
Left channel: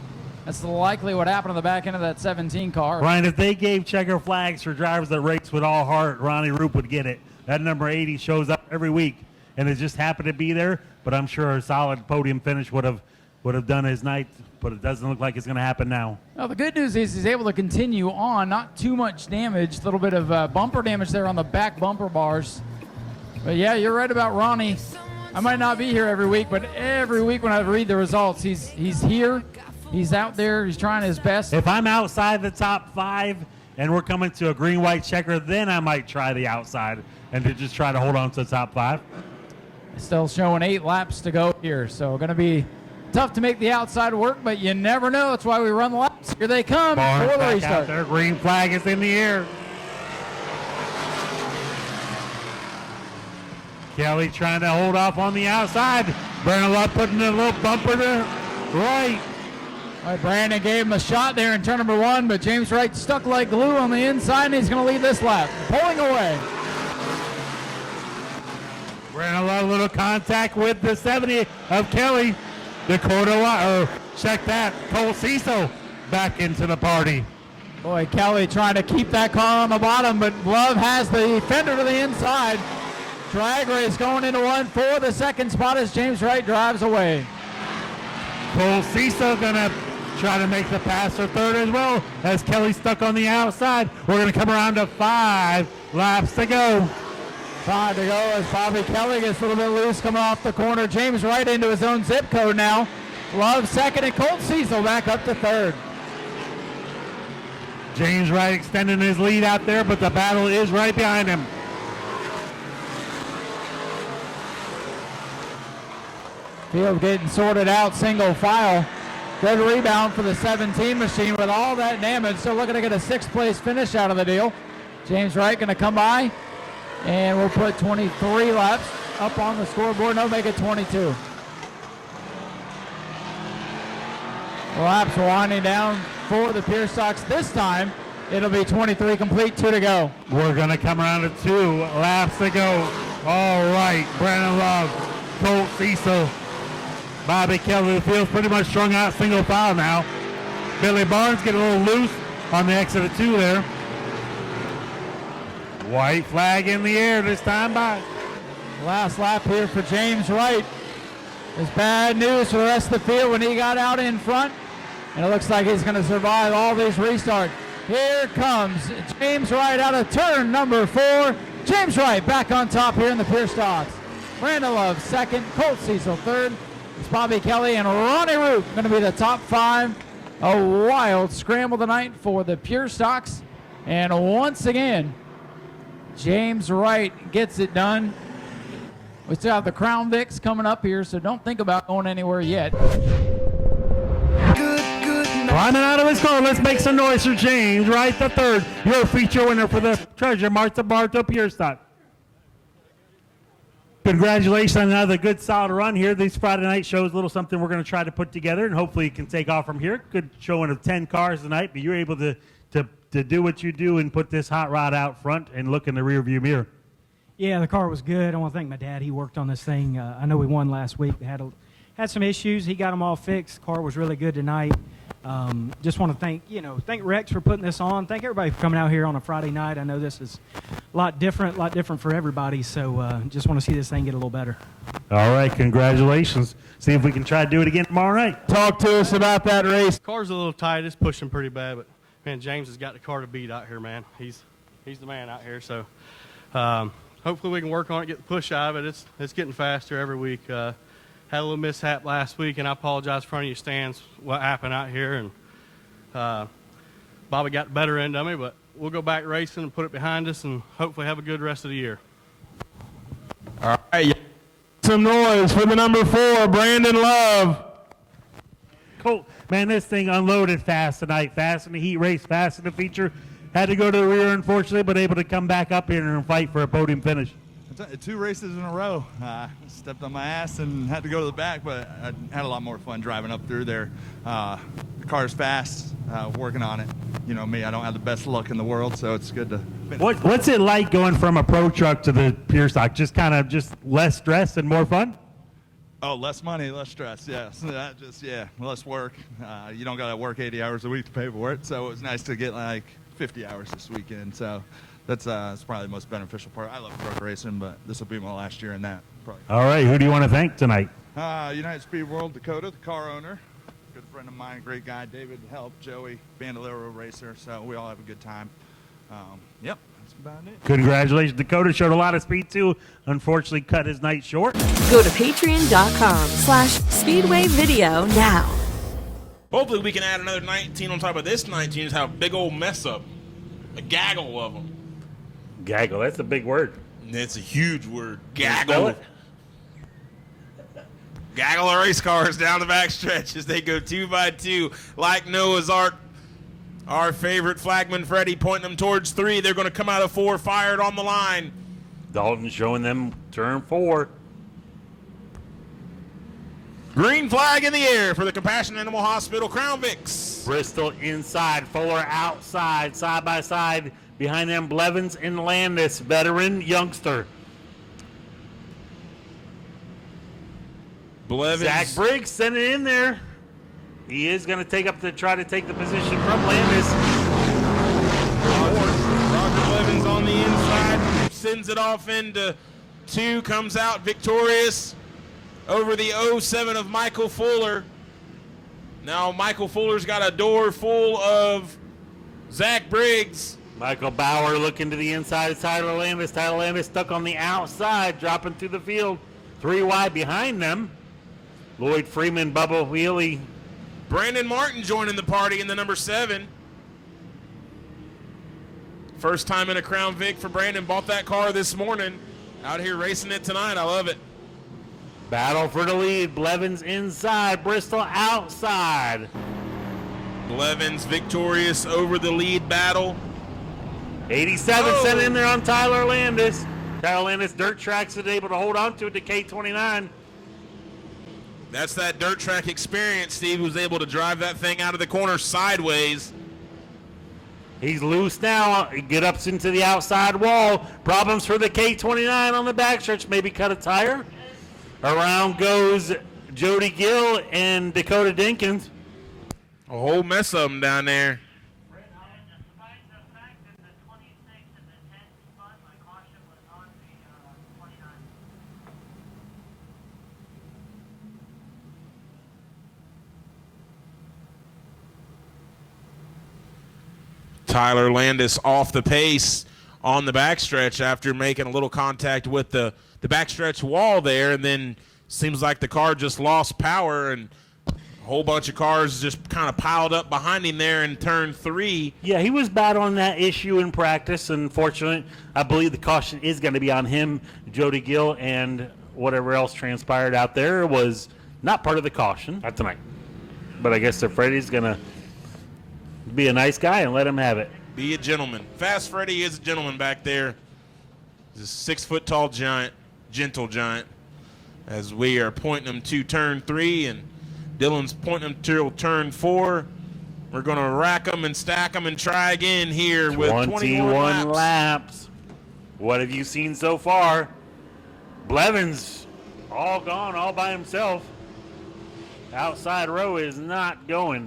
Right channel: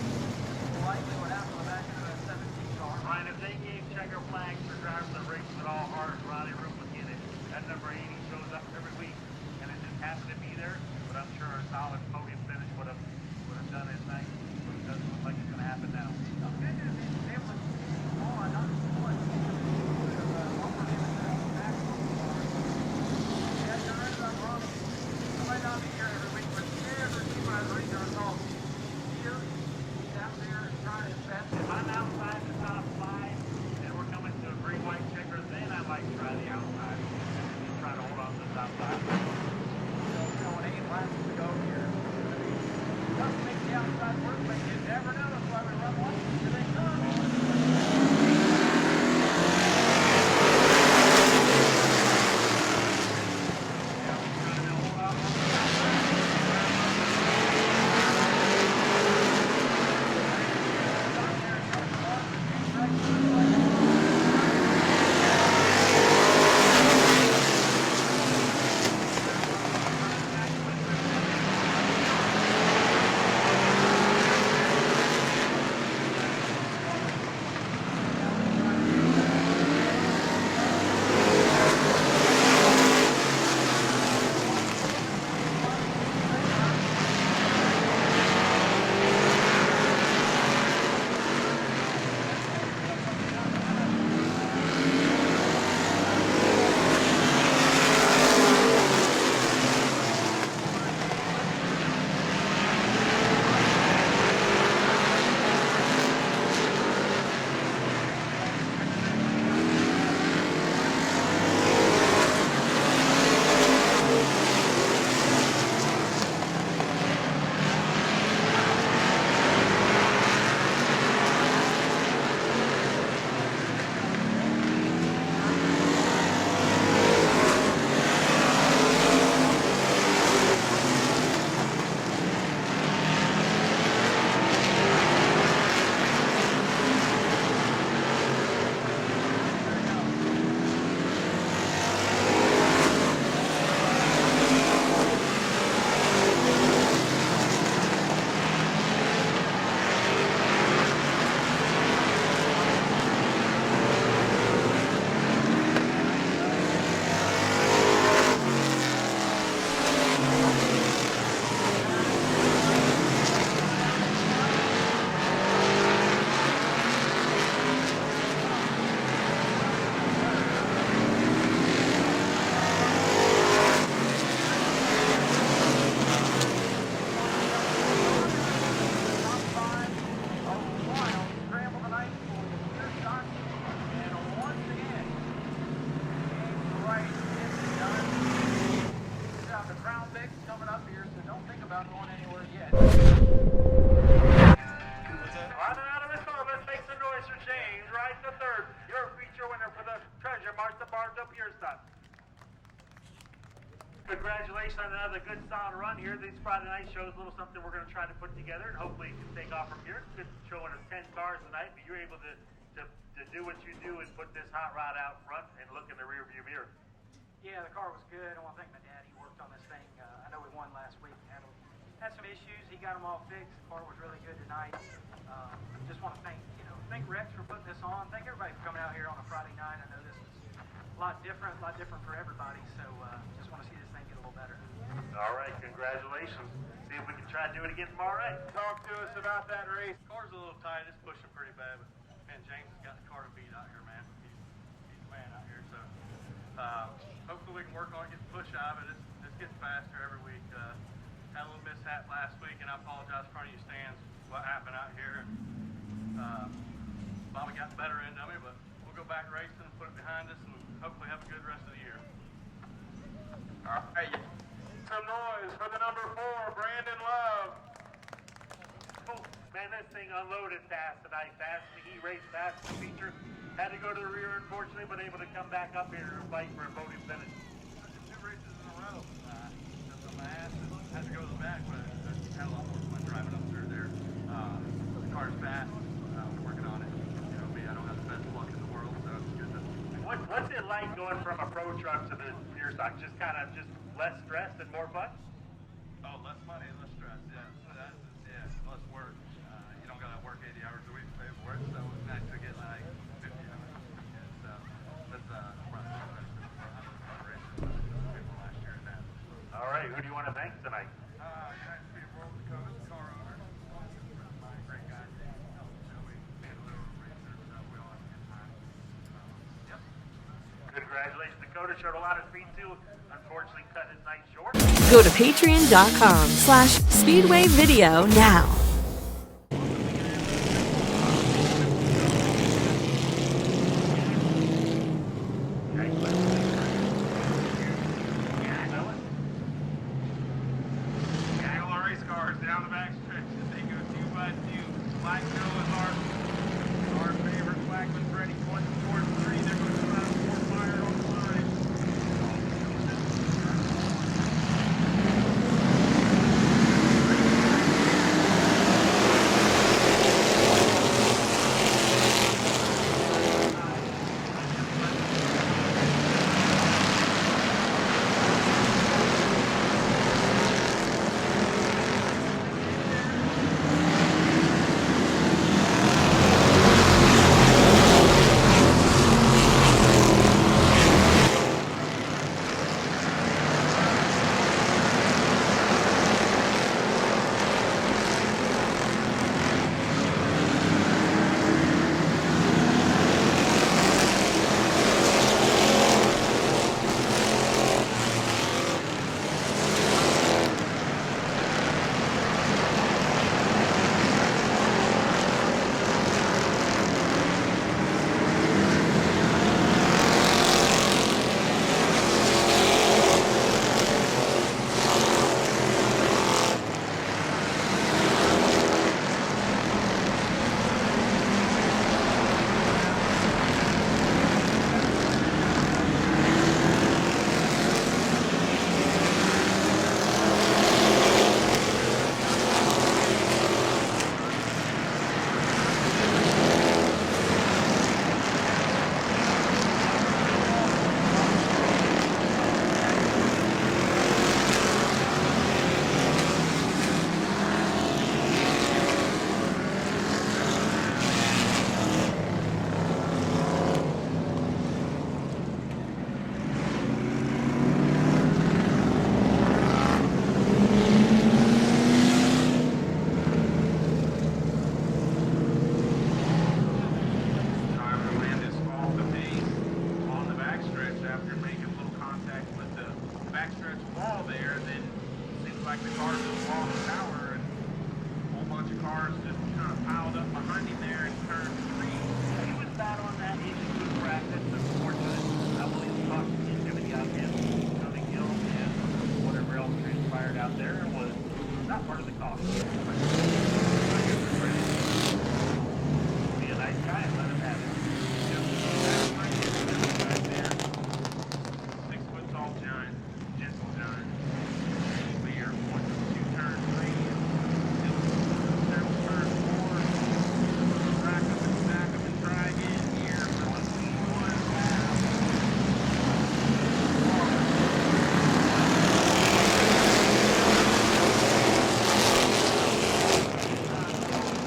That's likely what happened to the back end of that 17 car. Ryan, if they gave checker flags for drivers that race with all heart, Ronnie Roop would get it. That number 80 shows up every week, and it just happened to be there, but I'm sure a solid podium finish would have done his night, but it doesn't look like it's going to happen now. Well, the good news is he's able to continue on, not too much damage, a little bit of bumper damage there on the back bumper bars. But yeah, you're right about Ronnie. I might not be here every week, but every week when I read the results, he's here. He's out there. He's trying his best. If I'm outside the top 5 and we're coming to a green-white checker, then I might try the outside and to just try to hold on to the top 5. Still showing 8 laps to go here, so going to be tough to make the outside work, but you never know. That's why we run the laps. Here they come. Barnes back out there. Green flag is in the air. Kelly trying to hold off on the outside. Bernalot putting a little bumper to right. Brandon gave him a shot there in turn number 1, but James Wright stuck like glue on the inside, and he's going to lead this lap. Pulling away. Bernalot a little contact with the 70 of Kelly. Dakota, check that. Cole Cecil back into the party. Boy, Kelly trying to keep that car on the bottom, but Love has the fender to the inside. Drag race going into 1 for the second spot as James Wright drives away. Cole Cecil gonna try to make the pass for 3rd as well as Kelly stuck on the outside. We're gonna come around to 5 laps to go. 5 to go. Bobby Kelly gets a little bit loose coming off the corner. James Wright into his own zip code now. Love second and Cole Cecil back up to 3rd. James Wright extending his lead out there, but the battle is right behind him. Field getting sorted out, single file. Good rebound for the 17 machine with all that damage. So looking to get a 6th place finish out of the deal. James Wright going to come by, and we'll put 23 laps up on the scoreboard. They'll make it 22. The laps are winding down for the Pierce Stocks. This time, it'll be 23 complete, 2 to go. We're going to come around to 2 laps to go. All right, Brandon Love, Cole Cecil, Bobby Kelly feels pretty much strung out single file now. Billy Barnes getting a little loose on the exit of 2 there. White flag in the air this time out. Last lap here for James Wright. It's bad news for the rest of the field when he got out in front. It looks like he's going to survive all these restarts. Here comes James Wright out of turn number 4. James Wright back on top here in the Pierce Off. Brandon Love second, Colt Cecil 3rd. Bobby Kelly and Ronnie Root going to be the top 5. A wild scramble tonight for the Pure Stocks. And once again, James Wright gets it done. We still have the Crown Vics coming up here, so don't think about going anywhere yet. Climbing out of his car, let's make some noise for James Wright the 3rd. Your feature winner for the treasure, Martha Barto Pure Stock. Congratulations on another good solid run here. These Friday night shows, a little something we're going to try to put together, and hopefully it can take off from here. Good showing of 10 cars tonight, but you're able to do what you do and put this hot rod out front and look in the rear view mirror. Yeah, the car was good. I want to thank my dad. He worked on this thing. I know we won last week. We had some issues. He got them all fixed. The car was really good tonight. Just want to thank Rex for putting this on. Thank everybody for coming out here on a Friday night. I know this is a lot different for everybody. So just want to see this thing get a little better. All right, congratulations. See if we can try to do it again tomorrow night. Talk to us about that race. Car's a little tight. It's pushing pretty bad, but man, James has got the car to beat out here, man. He's the man out here. So hopefully we can work on it, get the push out of it. It's getting faster every week. Had a little mishap last week, and I apologize in front of you stands what happened out here. And Bobby got the better end of me, but we'll go back racing and put it behind us and hopefully have a good rest of the year. All right. Some noise for the number 4, Brandon Love. Cool. Man, this thing unloaded fast tonight. Fast in the heat race, fast in the feature. Had to go to the rear, unfortunately, but able to come back up here and fight for a podium finish. 2 races in a row. Stepped on my ass and had to go to the back, but I had a lot more fun driving up through there. The car's fast, working on it. You know me, I don't have the best luck in the world, so it's good to finish. What's it like going from a pro truck to the pure stock? Just kind of just less stress and more fun? Oh, less money, less stress, yes. Less work. You don't got to work 80 hours a week to pay for it, so it was nice to get like 50 hours this weekend. So that's probably the most beneficial part. I love truck racing, but this will be my last year in that. All right, who do you want to thank tonight? United Speed World Dakota, the car owner, good friend of mine, great guy, David helped, Joey, Bandolero racer, so we all have a good time. Yep, that's about it. Congratulations, Dakota showed a lot of speed too. Unfortunately, cut his night short. Go to patreon.com/Speedway Video now. Hopefully we can add another 19 on top of this 19 and have a big old mess up. Gaggle up. Gaggle, that's a big word. It's a huge word. Gaggle. Gaggle of race cars down the backstretch as they go 2 by 2 like Noah's Ark. Our favorite flagman Freddie pointing them towards 3. They're going to come out of 4 fired on the line. Dalton showing them turn 4. Green flag in the air for the Compassion Animal Hospital Crown Vics. Bristol inside, 4 outside, side by side. Behind them, Blevins and Landis, veteran youngster. Zach Briggs sent it in there. He is going to try to take the position from Landis. Sends it off into 2, comes out victorious over the 07 of Michael Fuller. Now Michael Fuller's got a door full of Zach Briggs. Michael Bauer looking to the inside of Tyler Landis. Tyler Landis stuck on the outside, dropping through the field. 3 wide behind them. Lloyd Freeman, Bubba Wheelie. Brandon Martin joining the party in the number 7. First time in a Crown Vic. Brandon bought that car this morning. Out here racing it tonight. I love it. Battle for the lead. Blevins inside. Bristol outside. Blevins victorious over the lead battle. 87 sent in there on Tyler Landis. Tyler Landis dirt tracks was able to hold on to the K29. That's that dirt track experience. Steve was able to drive that thing out of the corner sideways. He's loose now and get up into the outside wall. Problems for the K29 on the backstretch. Maybe cut a tire. Around goes Jody Gill and Dakota Jenkins. A whole mess of them down there. Tyler Landis off the pace on the backstretch after making a little contact with the backstretch wall there, and then seems like the car just lost power and a whole bunch of cars just kind of piled up behind him there in turn 3. Yeah, he was battling that issue in practice. Unfortunately, I believe the caution is going to be on him. Jody Gill and whatever else transpired out there was not part of the caution. Not tonight. But I guess that Freddie's going to be a nice guy and let him have it. Be a gentleman. Fast Freddie is a gentleman back there. He's a 6-foot-tall giant, gentle giant. As we are pointing him to turn 3 and Dylan's pointing him to turn 4. We're going to rack them and stack them and try again here with 21 laps. What have you seen so far? Blevins all going all by himself. Outside row is not going.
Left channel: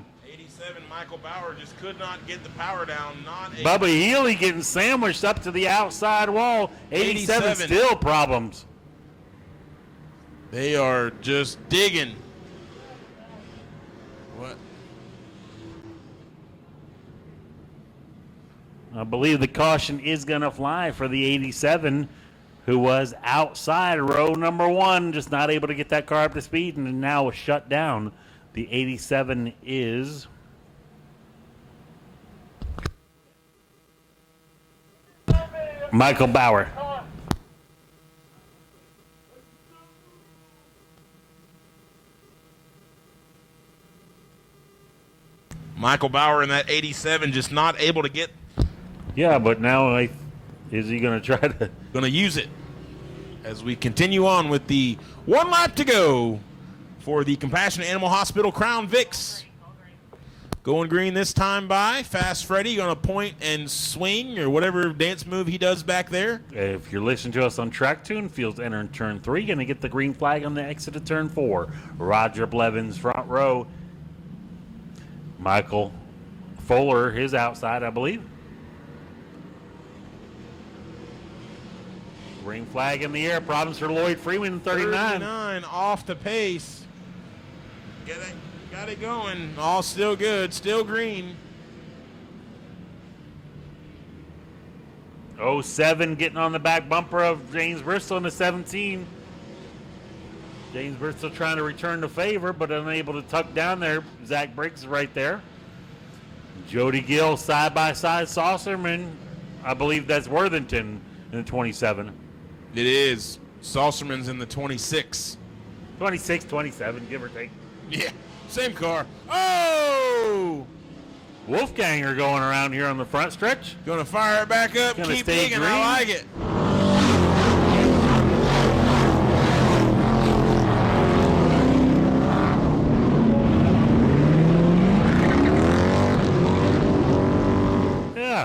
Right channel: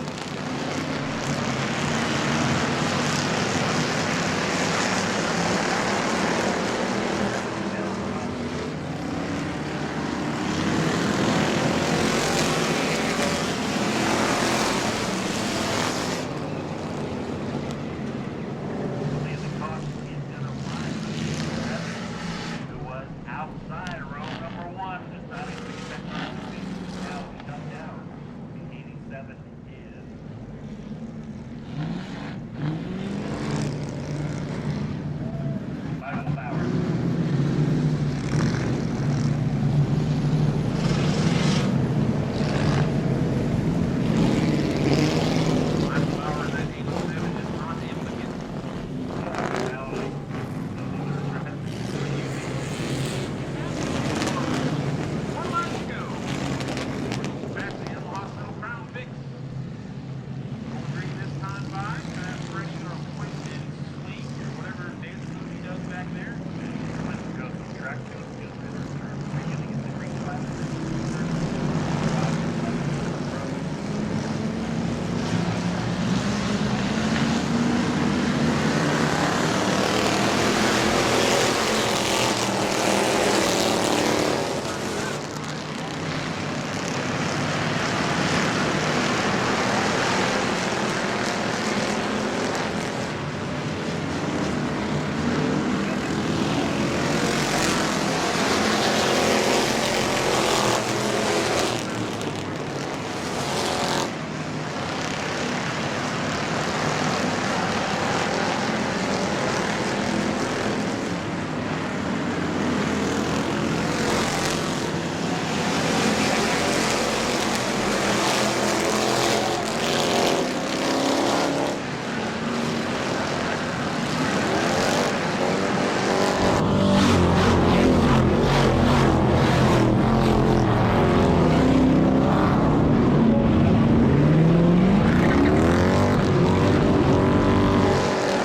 Bubba Healy getting sandwiched up to the outside wall. 87 still problems. They are just digging. I believe the caution is going to fly for the 87, who was outside row number 1, just not able to get that car up to speed and now was shut down. The 87 is Michael Bauer. Michael Bauer in that 87 just not able to get. Yeah, but now is he going to try to? Going to use it as we continue on with the 1 lap to go for the Compassionate Animal Hospital Crown Vics. Going green this time by Fast Freddy, going to point and swing or whatever dance move he does back there. Okay, if you're listening to us on Track Tune, fields enter in turn 3, going to get the green flag on the exit of turn 4. Roger Blevins front row. Michael Fuller is outside, I believe. Flag in the air, problem for Lloyd Freeman, 39. Off the pace. All still good, still green. 07 getting on the back bumper of James Bristol, the 17. Bristol trying to return the favor, but unable to tuck down there. Zach Briggs right there. Jody Gill side by side, Saucerman. I believe that's Worthington in 27. It is. Saucerman, 26. 26, 27. Wolfganger going around here on the front stretch. Gonna fire it back up. Keep digging. I like it. Yeah.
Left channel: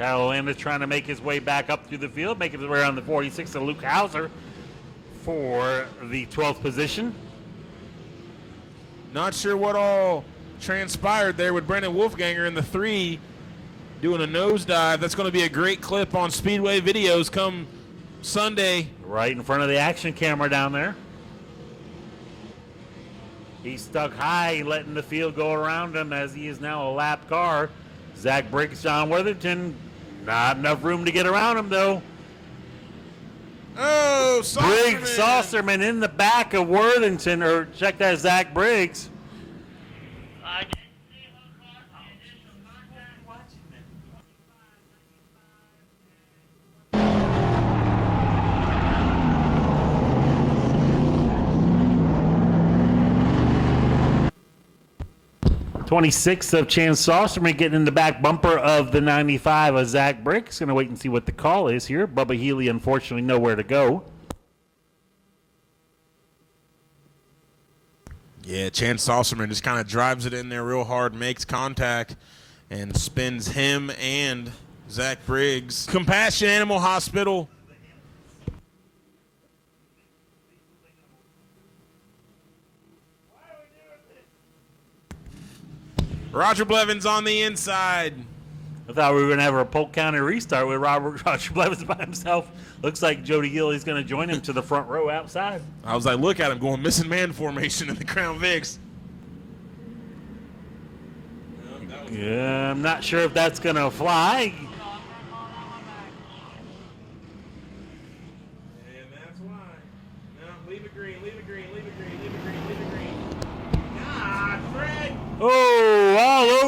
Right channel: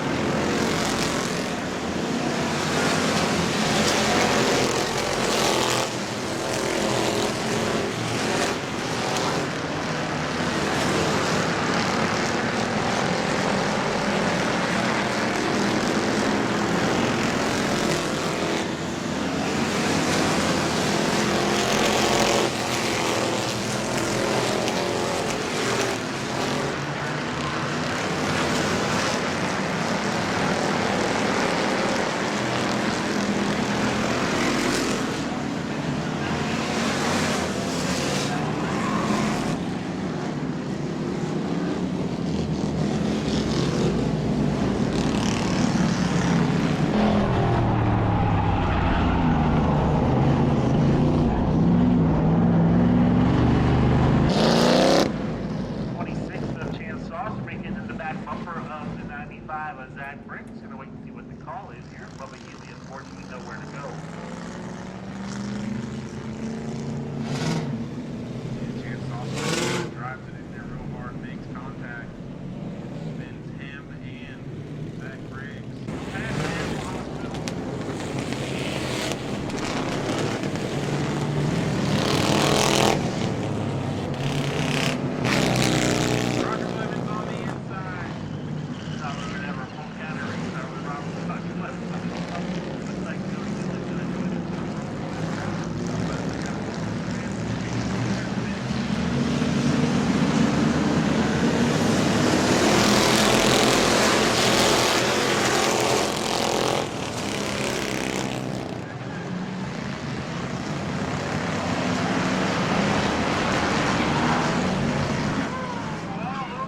Now Linda trying to make his way back up through the field, making his way around the point out for the 12th position. Not sure what all transpired there with Brendan Wolfganger in the 3 doing a nosedive. That's going to be a great clip on Speedway videos come Sunday. Right in front of the action camera down there. He's stuck high, letting the field go around him as he's now a lap car. Zach Briggs down Worthington. Not enough room to get around him though. Briggs, Saucerman in the back of Worthington, or check that Zach Briggs. 26 of Chance Saucerman getting in the back bumper of the 95 of Zach Briggs. Going to wait and see what the call is here. Bubba Healy, unfortunately, nowhere to go. Yeah, Chance Saucerman just kind of drives it in there real hard, makes contact, and spins him and Zach Briggs. Compassion Animal Hospital. Roger Blevins on the inside. I thought we were going to have a Polk County restart with Roger Blevins by himself. Looks like Jody Gillies going to join him to the front row outside. I was like, look at him going missing man formation in the Crown Vics. Not sure if that's going to apply.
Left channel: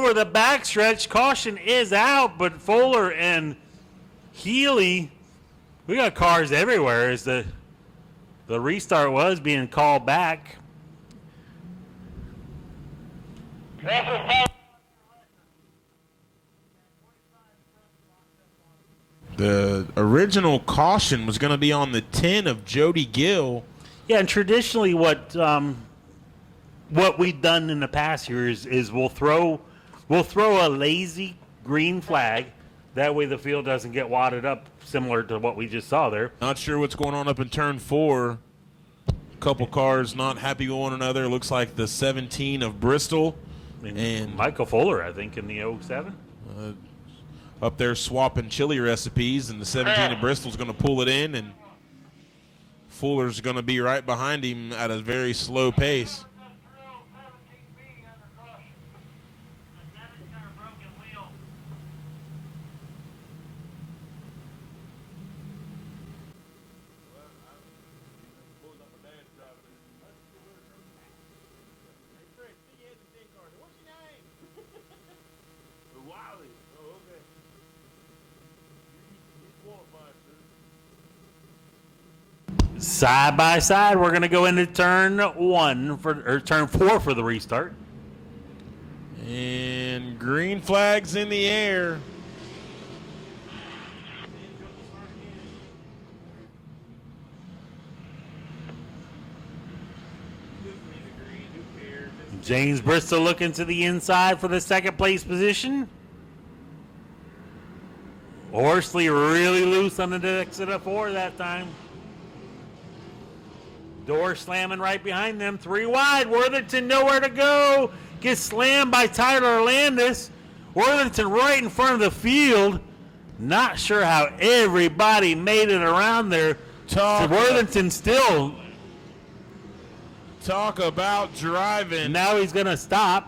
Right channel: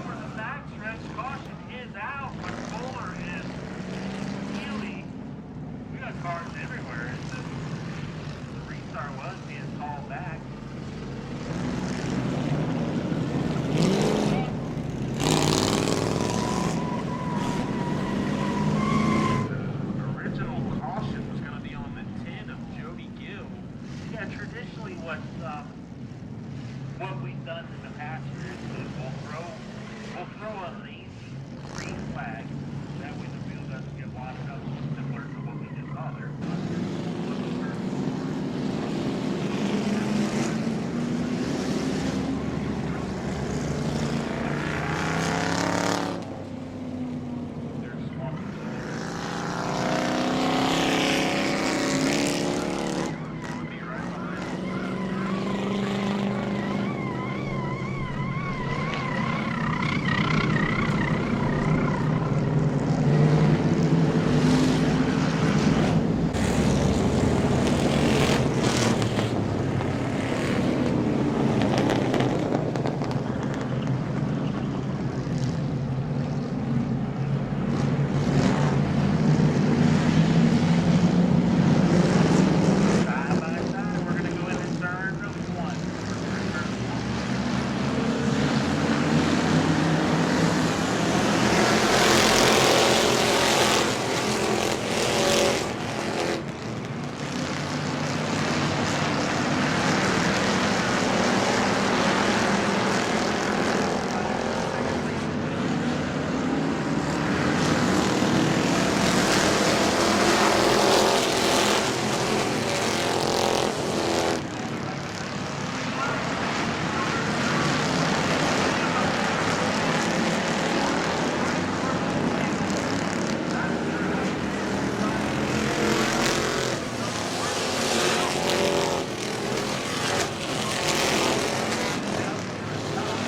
The backstretch, caution is out, but Fuller and Healy, we got cars everywhere as the restart was being called back. The original caution was going to be on the 10 of Jody Gill. Yeah, and traditionally what we've done in the past here is we'll throw a lazy green flag. That way the field doesn't get wadded up, similar to what we just saw there. Not sure what's going on up in turn 4. A couple cars not happy with one another. Looks like the 17 of Bristol and Michael Fuller, I think. Up there swapping chili recipes. The 17 of Bristol's going to pull it in, and Fuller's going to be right behind him at a very slow pace. Side by side, we're going to go into turn turn 4 for the restart. Green flags in the air. James Bristol looking to the inside for the second place position. Horsley really loose on the middle. Four slamming right behind them. 3 wide. Worthington nowhere to go. Gets slammed by Tyler Landis. Worthington right in front of the field. Not sure how everybody made it around there. Worthington still. Talk about driving. Now he's going to stop.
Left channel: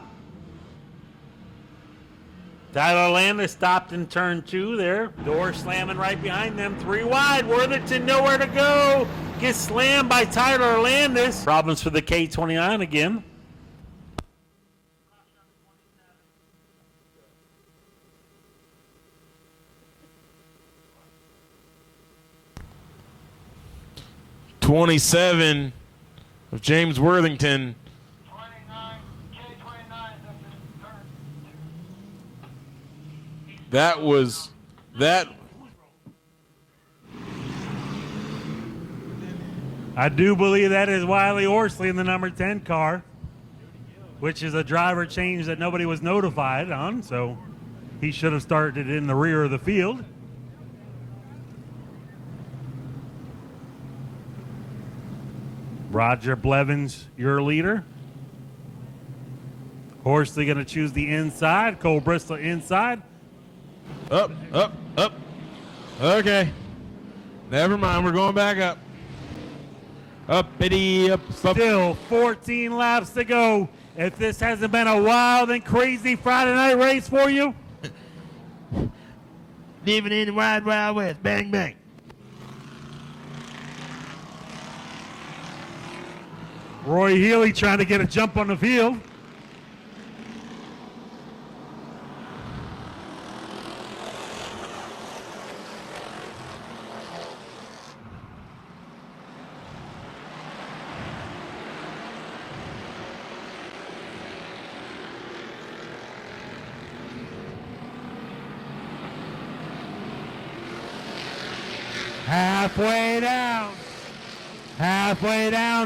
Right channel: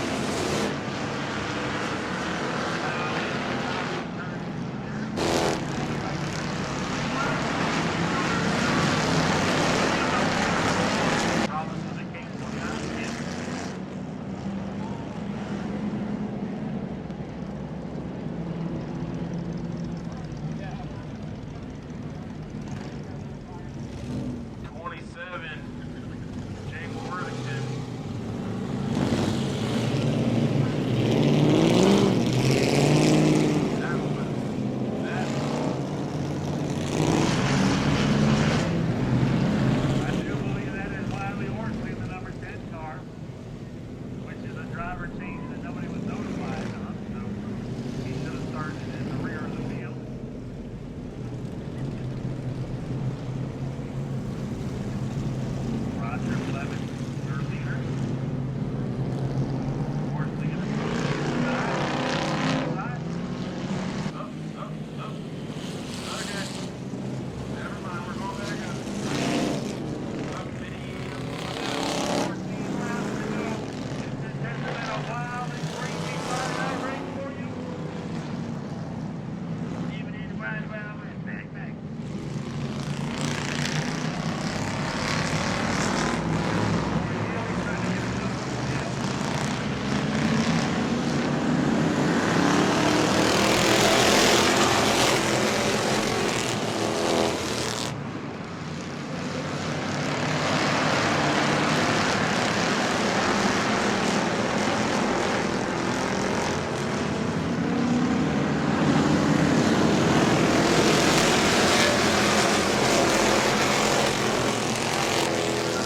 Tyler Landis stopped in turn 2 there. 4 slamming right behind them. 3 wide. Worthington nowhere to go. Gets slammed by Tyler Landis. Problems for the K29 again. '27 of James Worthington. That was that. I do believe that is Wiley Horsley in the number 10 car, which is a driver change that nobody was notified on, so he should have started in the rear of the field. Roger Blevins, your leader. Horsley going to choose the inside. Cole Bristol inside. Up. Okay. Never mind. We're going back up. Uppity up. Still 14 laps to go. If this hasn't been a wild and crazy Friday night race for you, Living in the wild, wild west. Bang, bang. Roy Healy trying to get a jump on the field.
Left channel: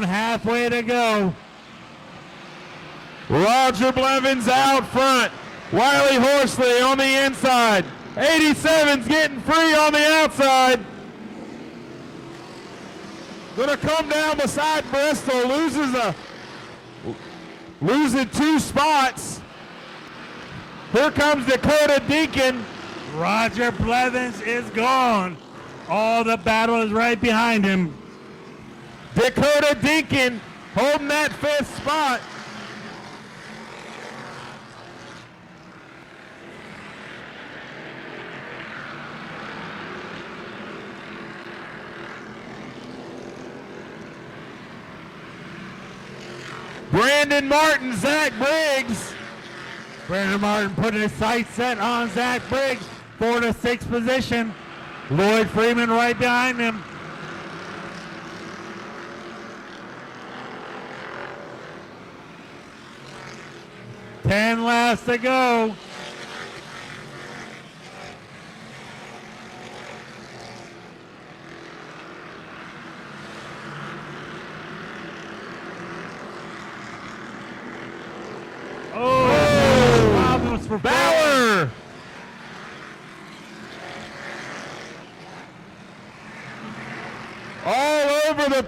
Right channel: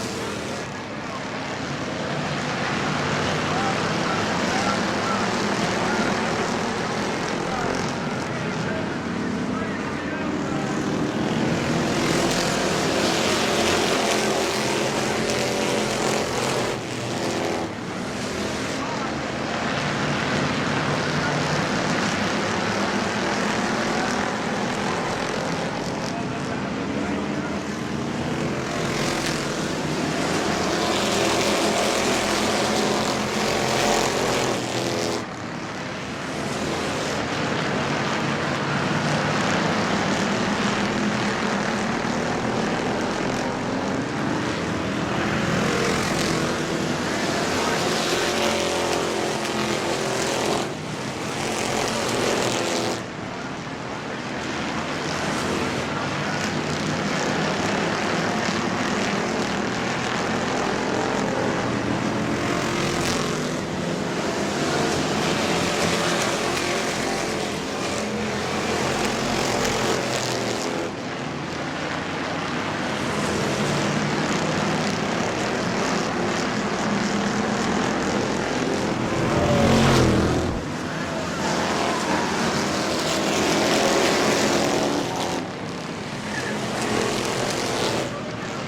Halfway to go. Roger Blevins out front. Wiley Horsley on the inside. 87's getting free on the outside. Gonna come down beside Bristol. Losing 2 spots. Here comes Dakota Deacon. Roger Blevins is gone. All the battle is right behind him. Dakota Deacon holding that 5th spot. Brandon Martin, Zach Briggs. Brandon Martin putting his sights set on Zach Briggs. 4 to 6 position. Lloyd Freeman right behind him. 10 laps to go.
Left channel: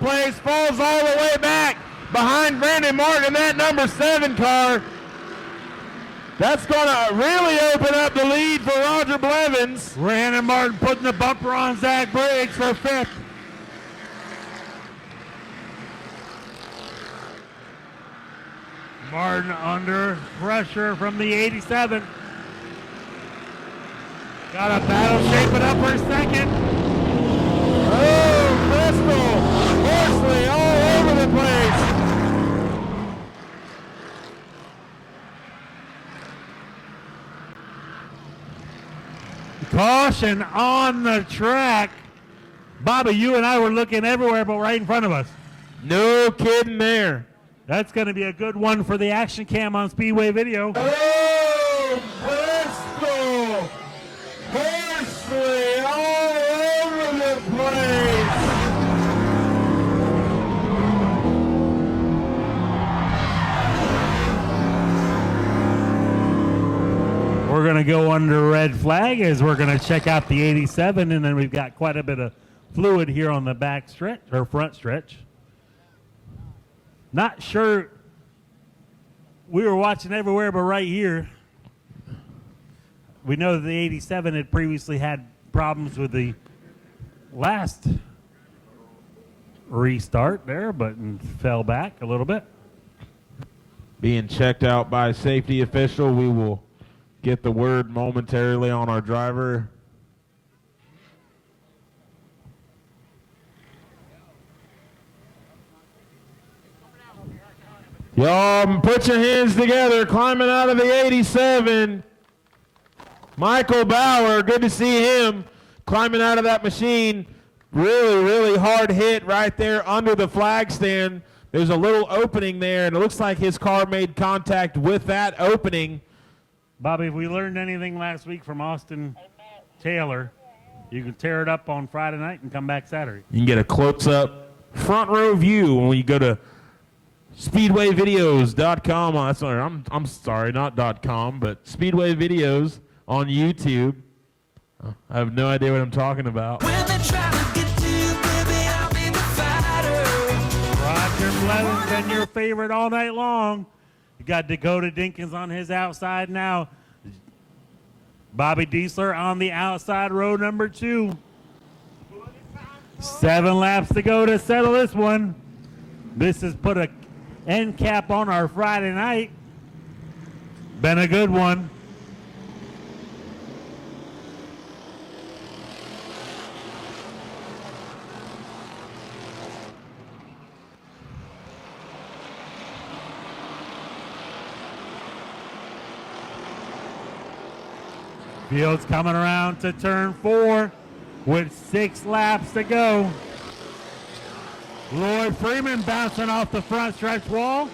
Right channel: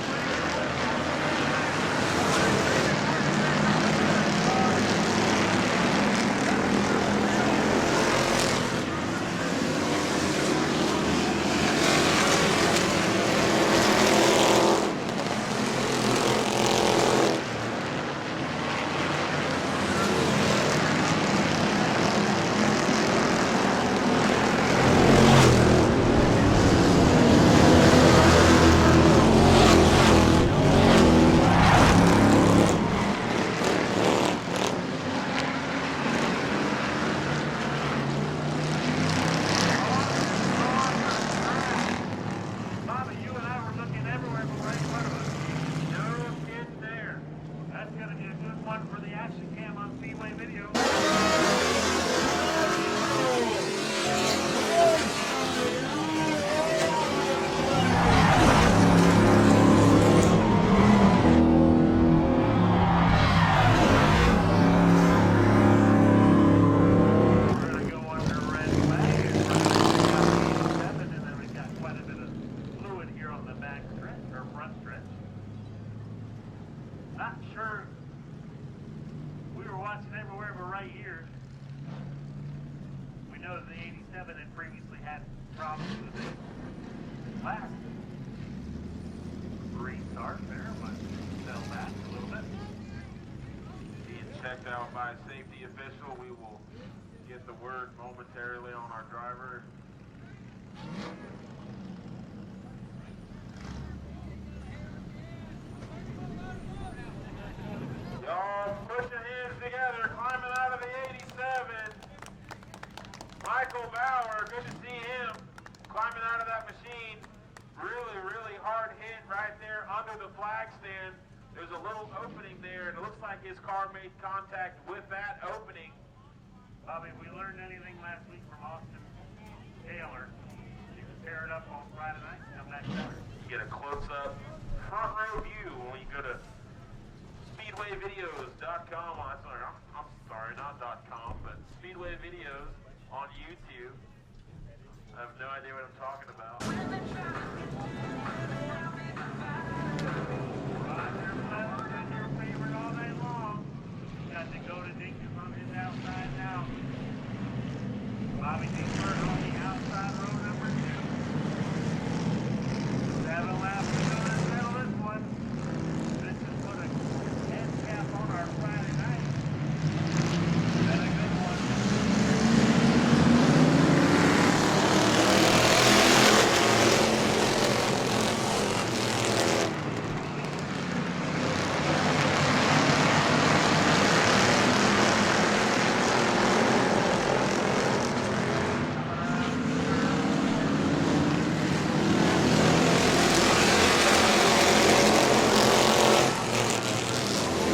Place falls all the way back behind Brandon Martin, that number 7 car. That's going to really open up the lead for Roger Blevins. Brandon Martin putting the bumper on Zach Briggs for 5th. Martin under pressure from the 87. Got a battle shaping up for a second. Caution on the track. Bobby, you and I were looking everywhere but right in front of us. No kidding there. That's going to be a good one for the action cam on Speedway Video. We're going to go under red flag as we're going to check out the 87, and then we've got quite a bit of fluid here on the back stretch or front stretch. Not sure. We were watching everywhere but right here. We know that the 87 had previously had problems with the last restart there, but fell back a little bit. Being checked out by a safety official. We will get the word momentarily on our driver. Y'all put your hands together, climbing out of the 87. Michael Bauer, good to see him climbing out of that machine. Really, really hard hit right there under the flag stand. There's a little opening there, and it looks like his car made contact with that opening. Bobby, if we learned anything last week from Austin Taylor, you can tear it up on Friday night and come back Saturday. You can get a close-up front row view when you go to speedwayvideos.com. I'm sorry, not .com, but Speedway Videos on YouTube. I have no idea what I'm talking about. Roger Blevins been your favorite all night long. Got Dakota Dinkins on his outside now. Bobby Diesler on the outside row number 2. 7 laps to go to settle this one. This has put a end cap on our Friday night. Been a good one. Field's coming around to turn 4 with 6 laps to go. Roy Freeman passing off the front stretch wall.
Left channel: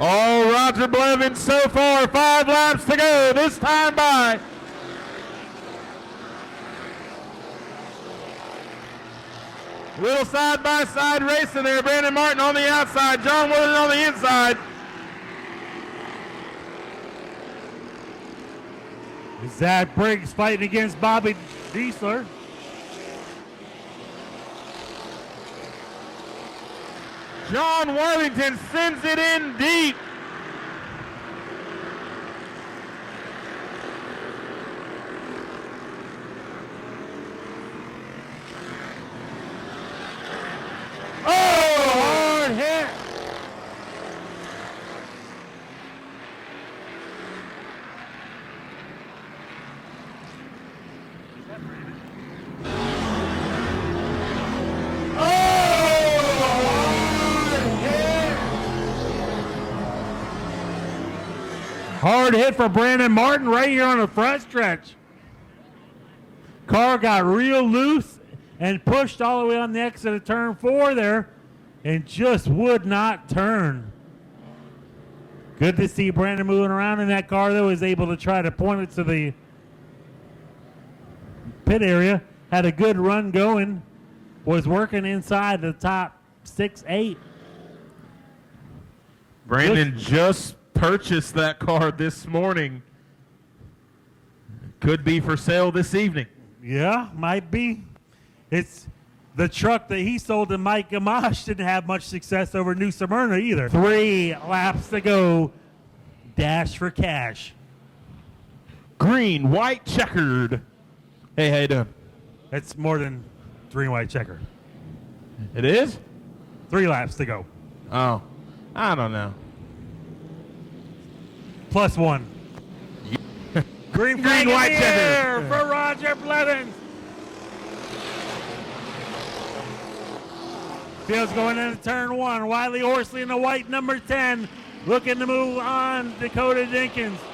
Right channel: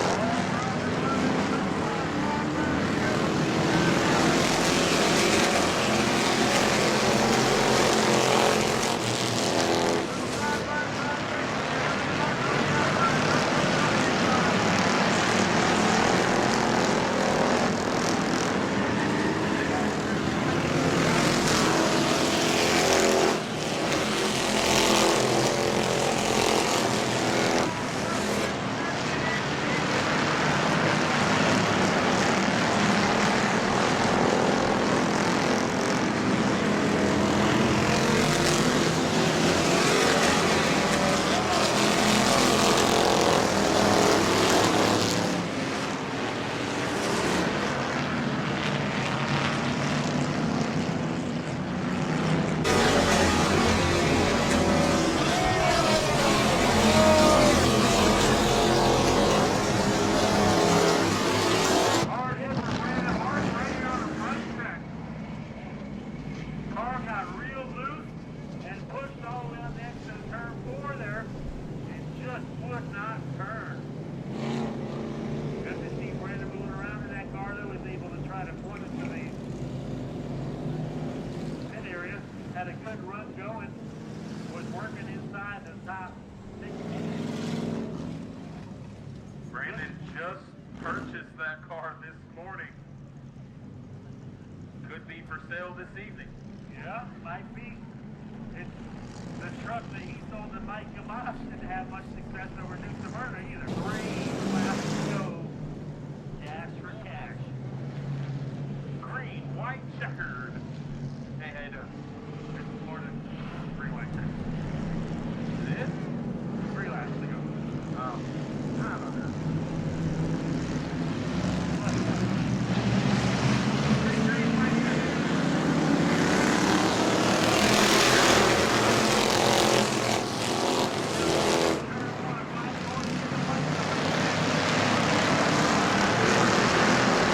Oh, Roger Blevins so far, 5 laps to go. This time by. Little side-by-side racing there. Brandon Martin on the outside. John Wood on the inside. Zach Briggs fighting against Bobby Diesler. John Worthington sends it in deep. Hard hit for Brandon Martin right here on the front stretch. Car got real loose and pushed all the way on the exit of turn 4 there and just would not turn. Good to see Brandon moving around in that car, though. Was able to try to point it to the pit area. Had a good run going. Was working inside the top 6, 8. Brandon just purchased that car this morning. Could be for sale this evening. Yeah, might be. It's the truck that he sold to Mike Gamache. Didn't have much success over New Smyrna either. 3 laps to go. Dash for cash. Green, white, checkered. Hey, how you doing? It's more than green, white, checkered. It is? 3 laps to go. Oh, I don't know. +1. Green, white, checkered. For Roger Blevins. Just going into turn 1. Wiley Horsley in the white number 10. Looking to move on. Dakota Dinkins.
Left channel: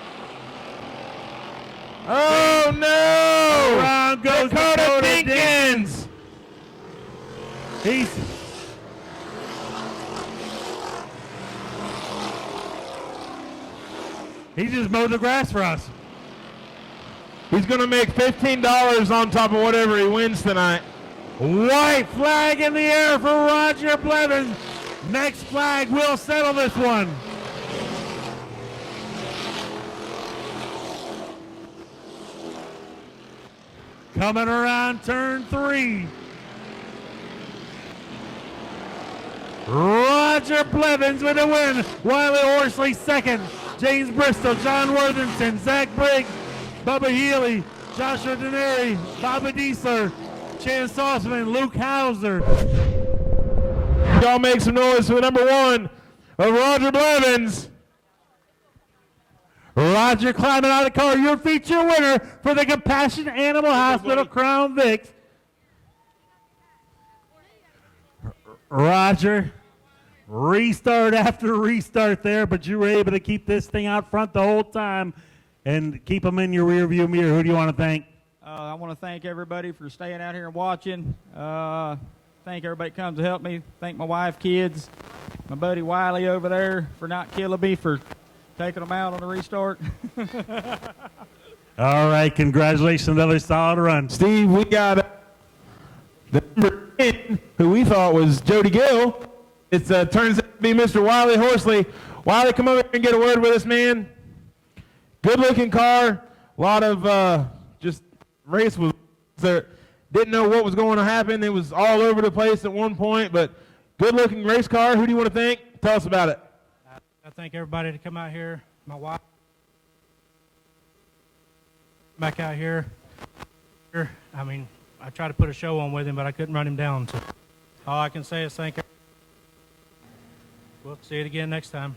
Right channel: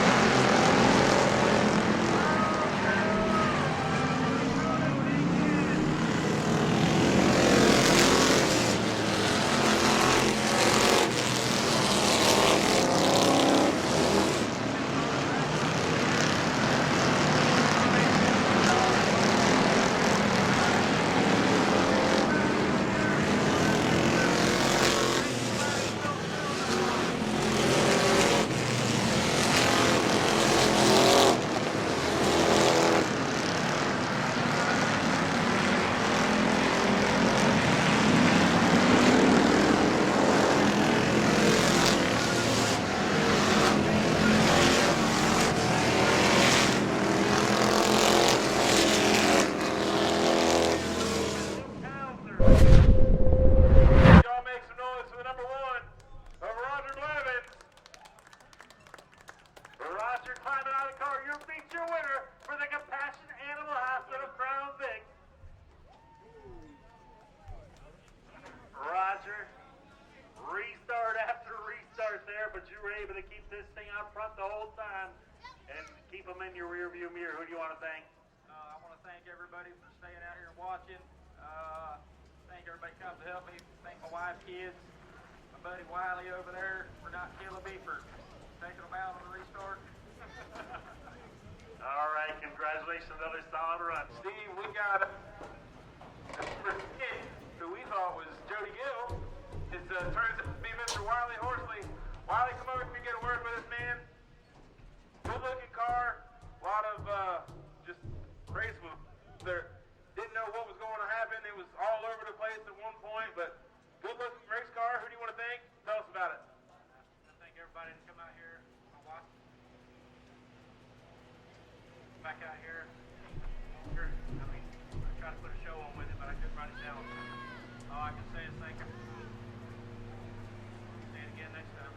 Oh no! Around goes Dakota Dinkins. He just mowed the grass for us. He's going to make $15 on top of whatever he wins tonight. White flag in the air for Roger Blevins. Next flag will settle this one. Coming around turn 3. Roger Blevins with a win. Wiley Horsley second. James Bristol, John Worthington, Zach Blake, Bubba Healy, Joshua Denary, Bobby Diesler, Dan Sossman, Luke Hauser. Y'all make some noise for the number 1 of Roger Blevins. Roger climbing out of the car, your feature winner for the Compassion Animal Hospital Crown Vic. Roger, restart after restart there, but you were able to keep this thing out front the whole time and keep them in your rear view mirror. Who do you want to thank? I want to thank everybody for staying out here and watching. Thank everybody that comes to help me. Thank my wife, kids, my buddy Wiley over there for not killing me for taking them out on the restart. All right, congratulations, another solid run. Steve, we got the number 10, who we thought was Jody Gill. It turns out to be Mr. Wiley Horsley. Wiley, come over here and get a word with us, man. Good-looking car. A lot of just race was there. Didn't know what was going to happen. It was all over the place at one point, but good-looking race car. Who do you want to thank? Tell us about it. I thank everybody to come out here. My wife. Back out here. I mean, I tried to put a show on with him, but I couldn't run him down. So all I can say is thank you. We'll see it again next time.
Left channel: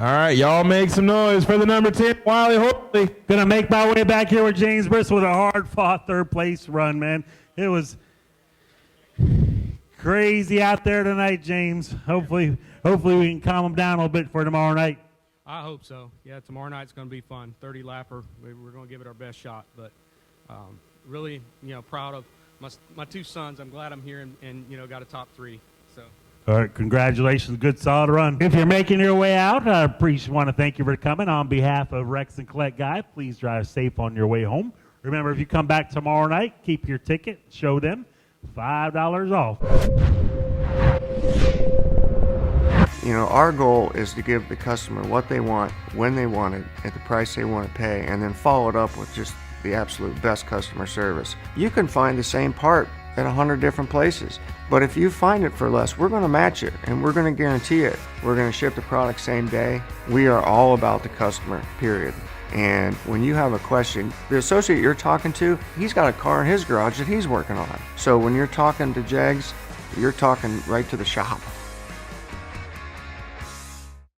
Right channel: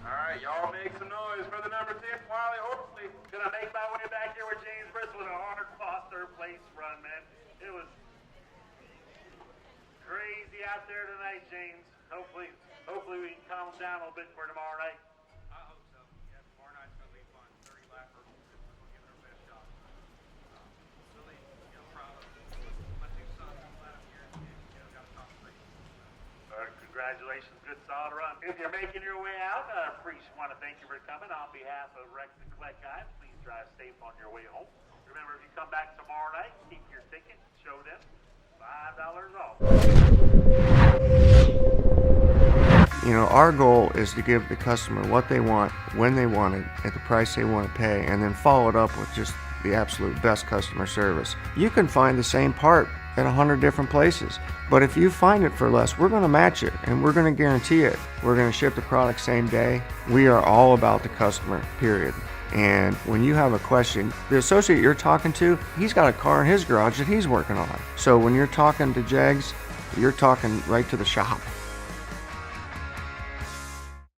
All right, y'all make some noise for the number 10, Wiley Horsley. Gonna make my way back here with James Bristol with a hard-fought third-place run, man. It was crazy out there tonight, James. Hopefully we can calm them down a little bit for tomorrow night. I hope so. Yeah, tomorrow night's going to be fun. 30 lapper. We're going to give it our best shot. But really, proud of my 2 sons. I'm glad I'm here and got a top 3. So. All right, congratulations. Good, solid run. If you're making your way out, I want to thank you for coming. On behalf of Rex and Colette Guy, please drive safe on your way home. Remember, if you come back tomorrow night, keep your ticket, show them $5 off. Our goal is to give the customer what they want, when they want it, at the price they want to pay, and then follow it up with just the absolute best customer service. You can find the same part at 100 different places, but if you find it for less, we're going to match it, and we're going to guarantee it. We're going to ship the product same day. We are all about the customer, period. And when you have a question, the associate you're talking to, he's got a car in his garage that he's working on. So when you're talking to Jags, you're talking right to the shop.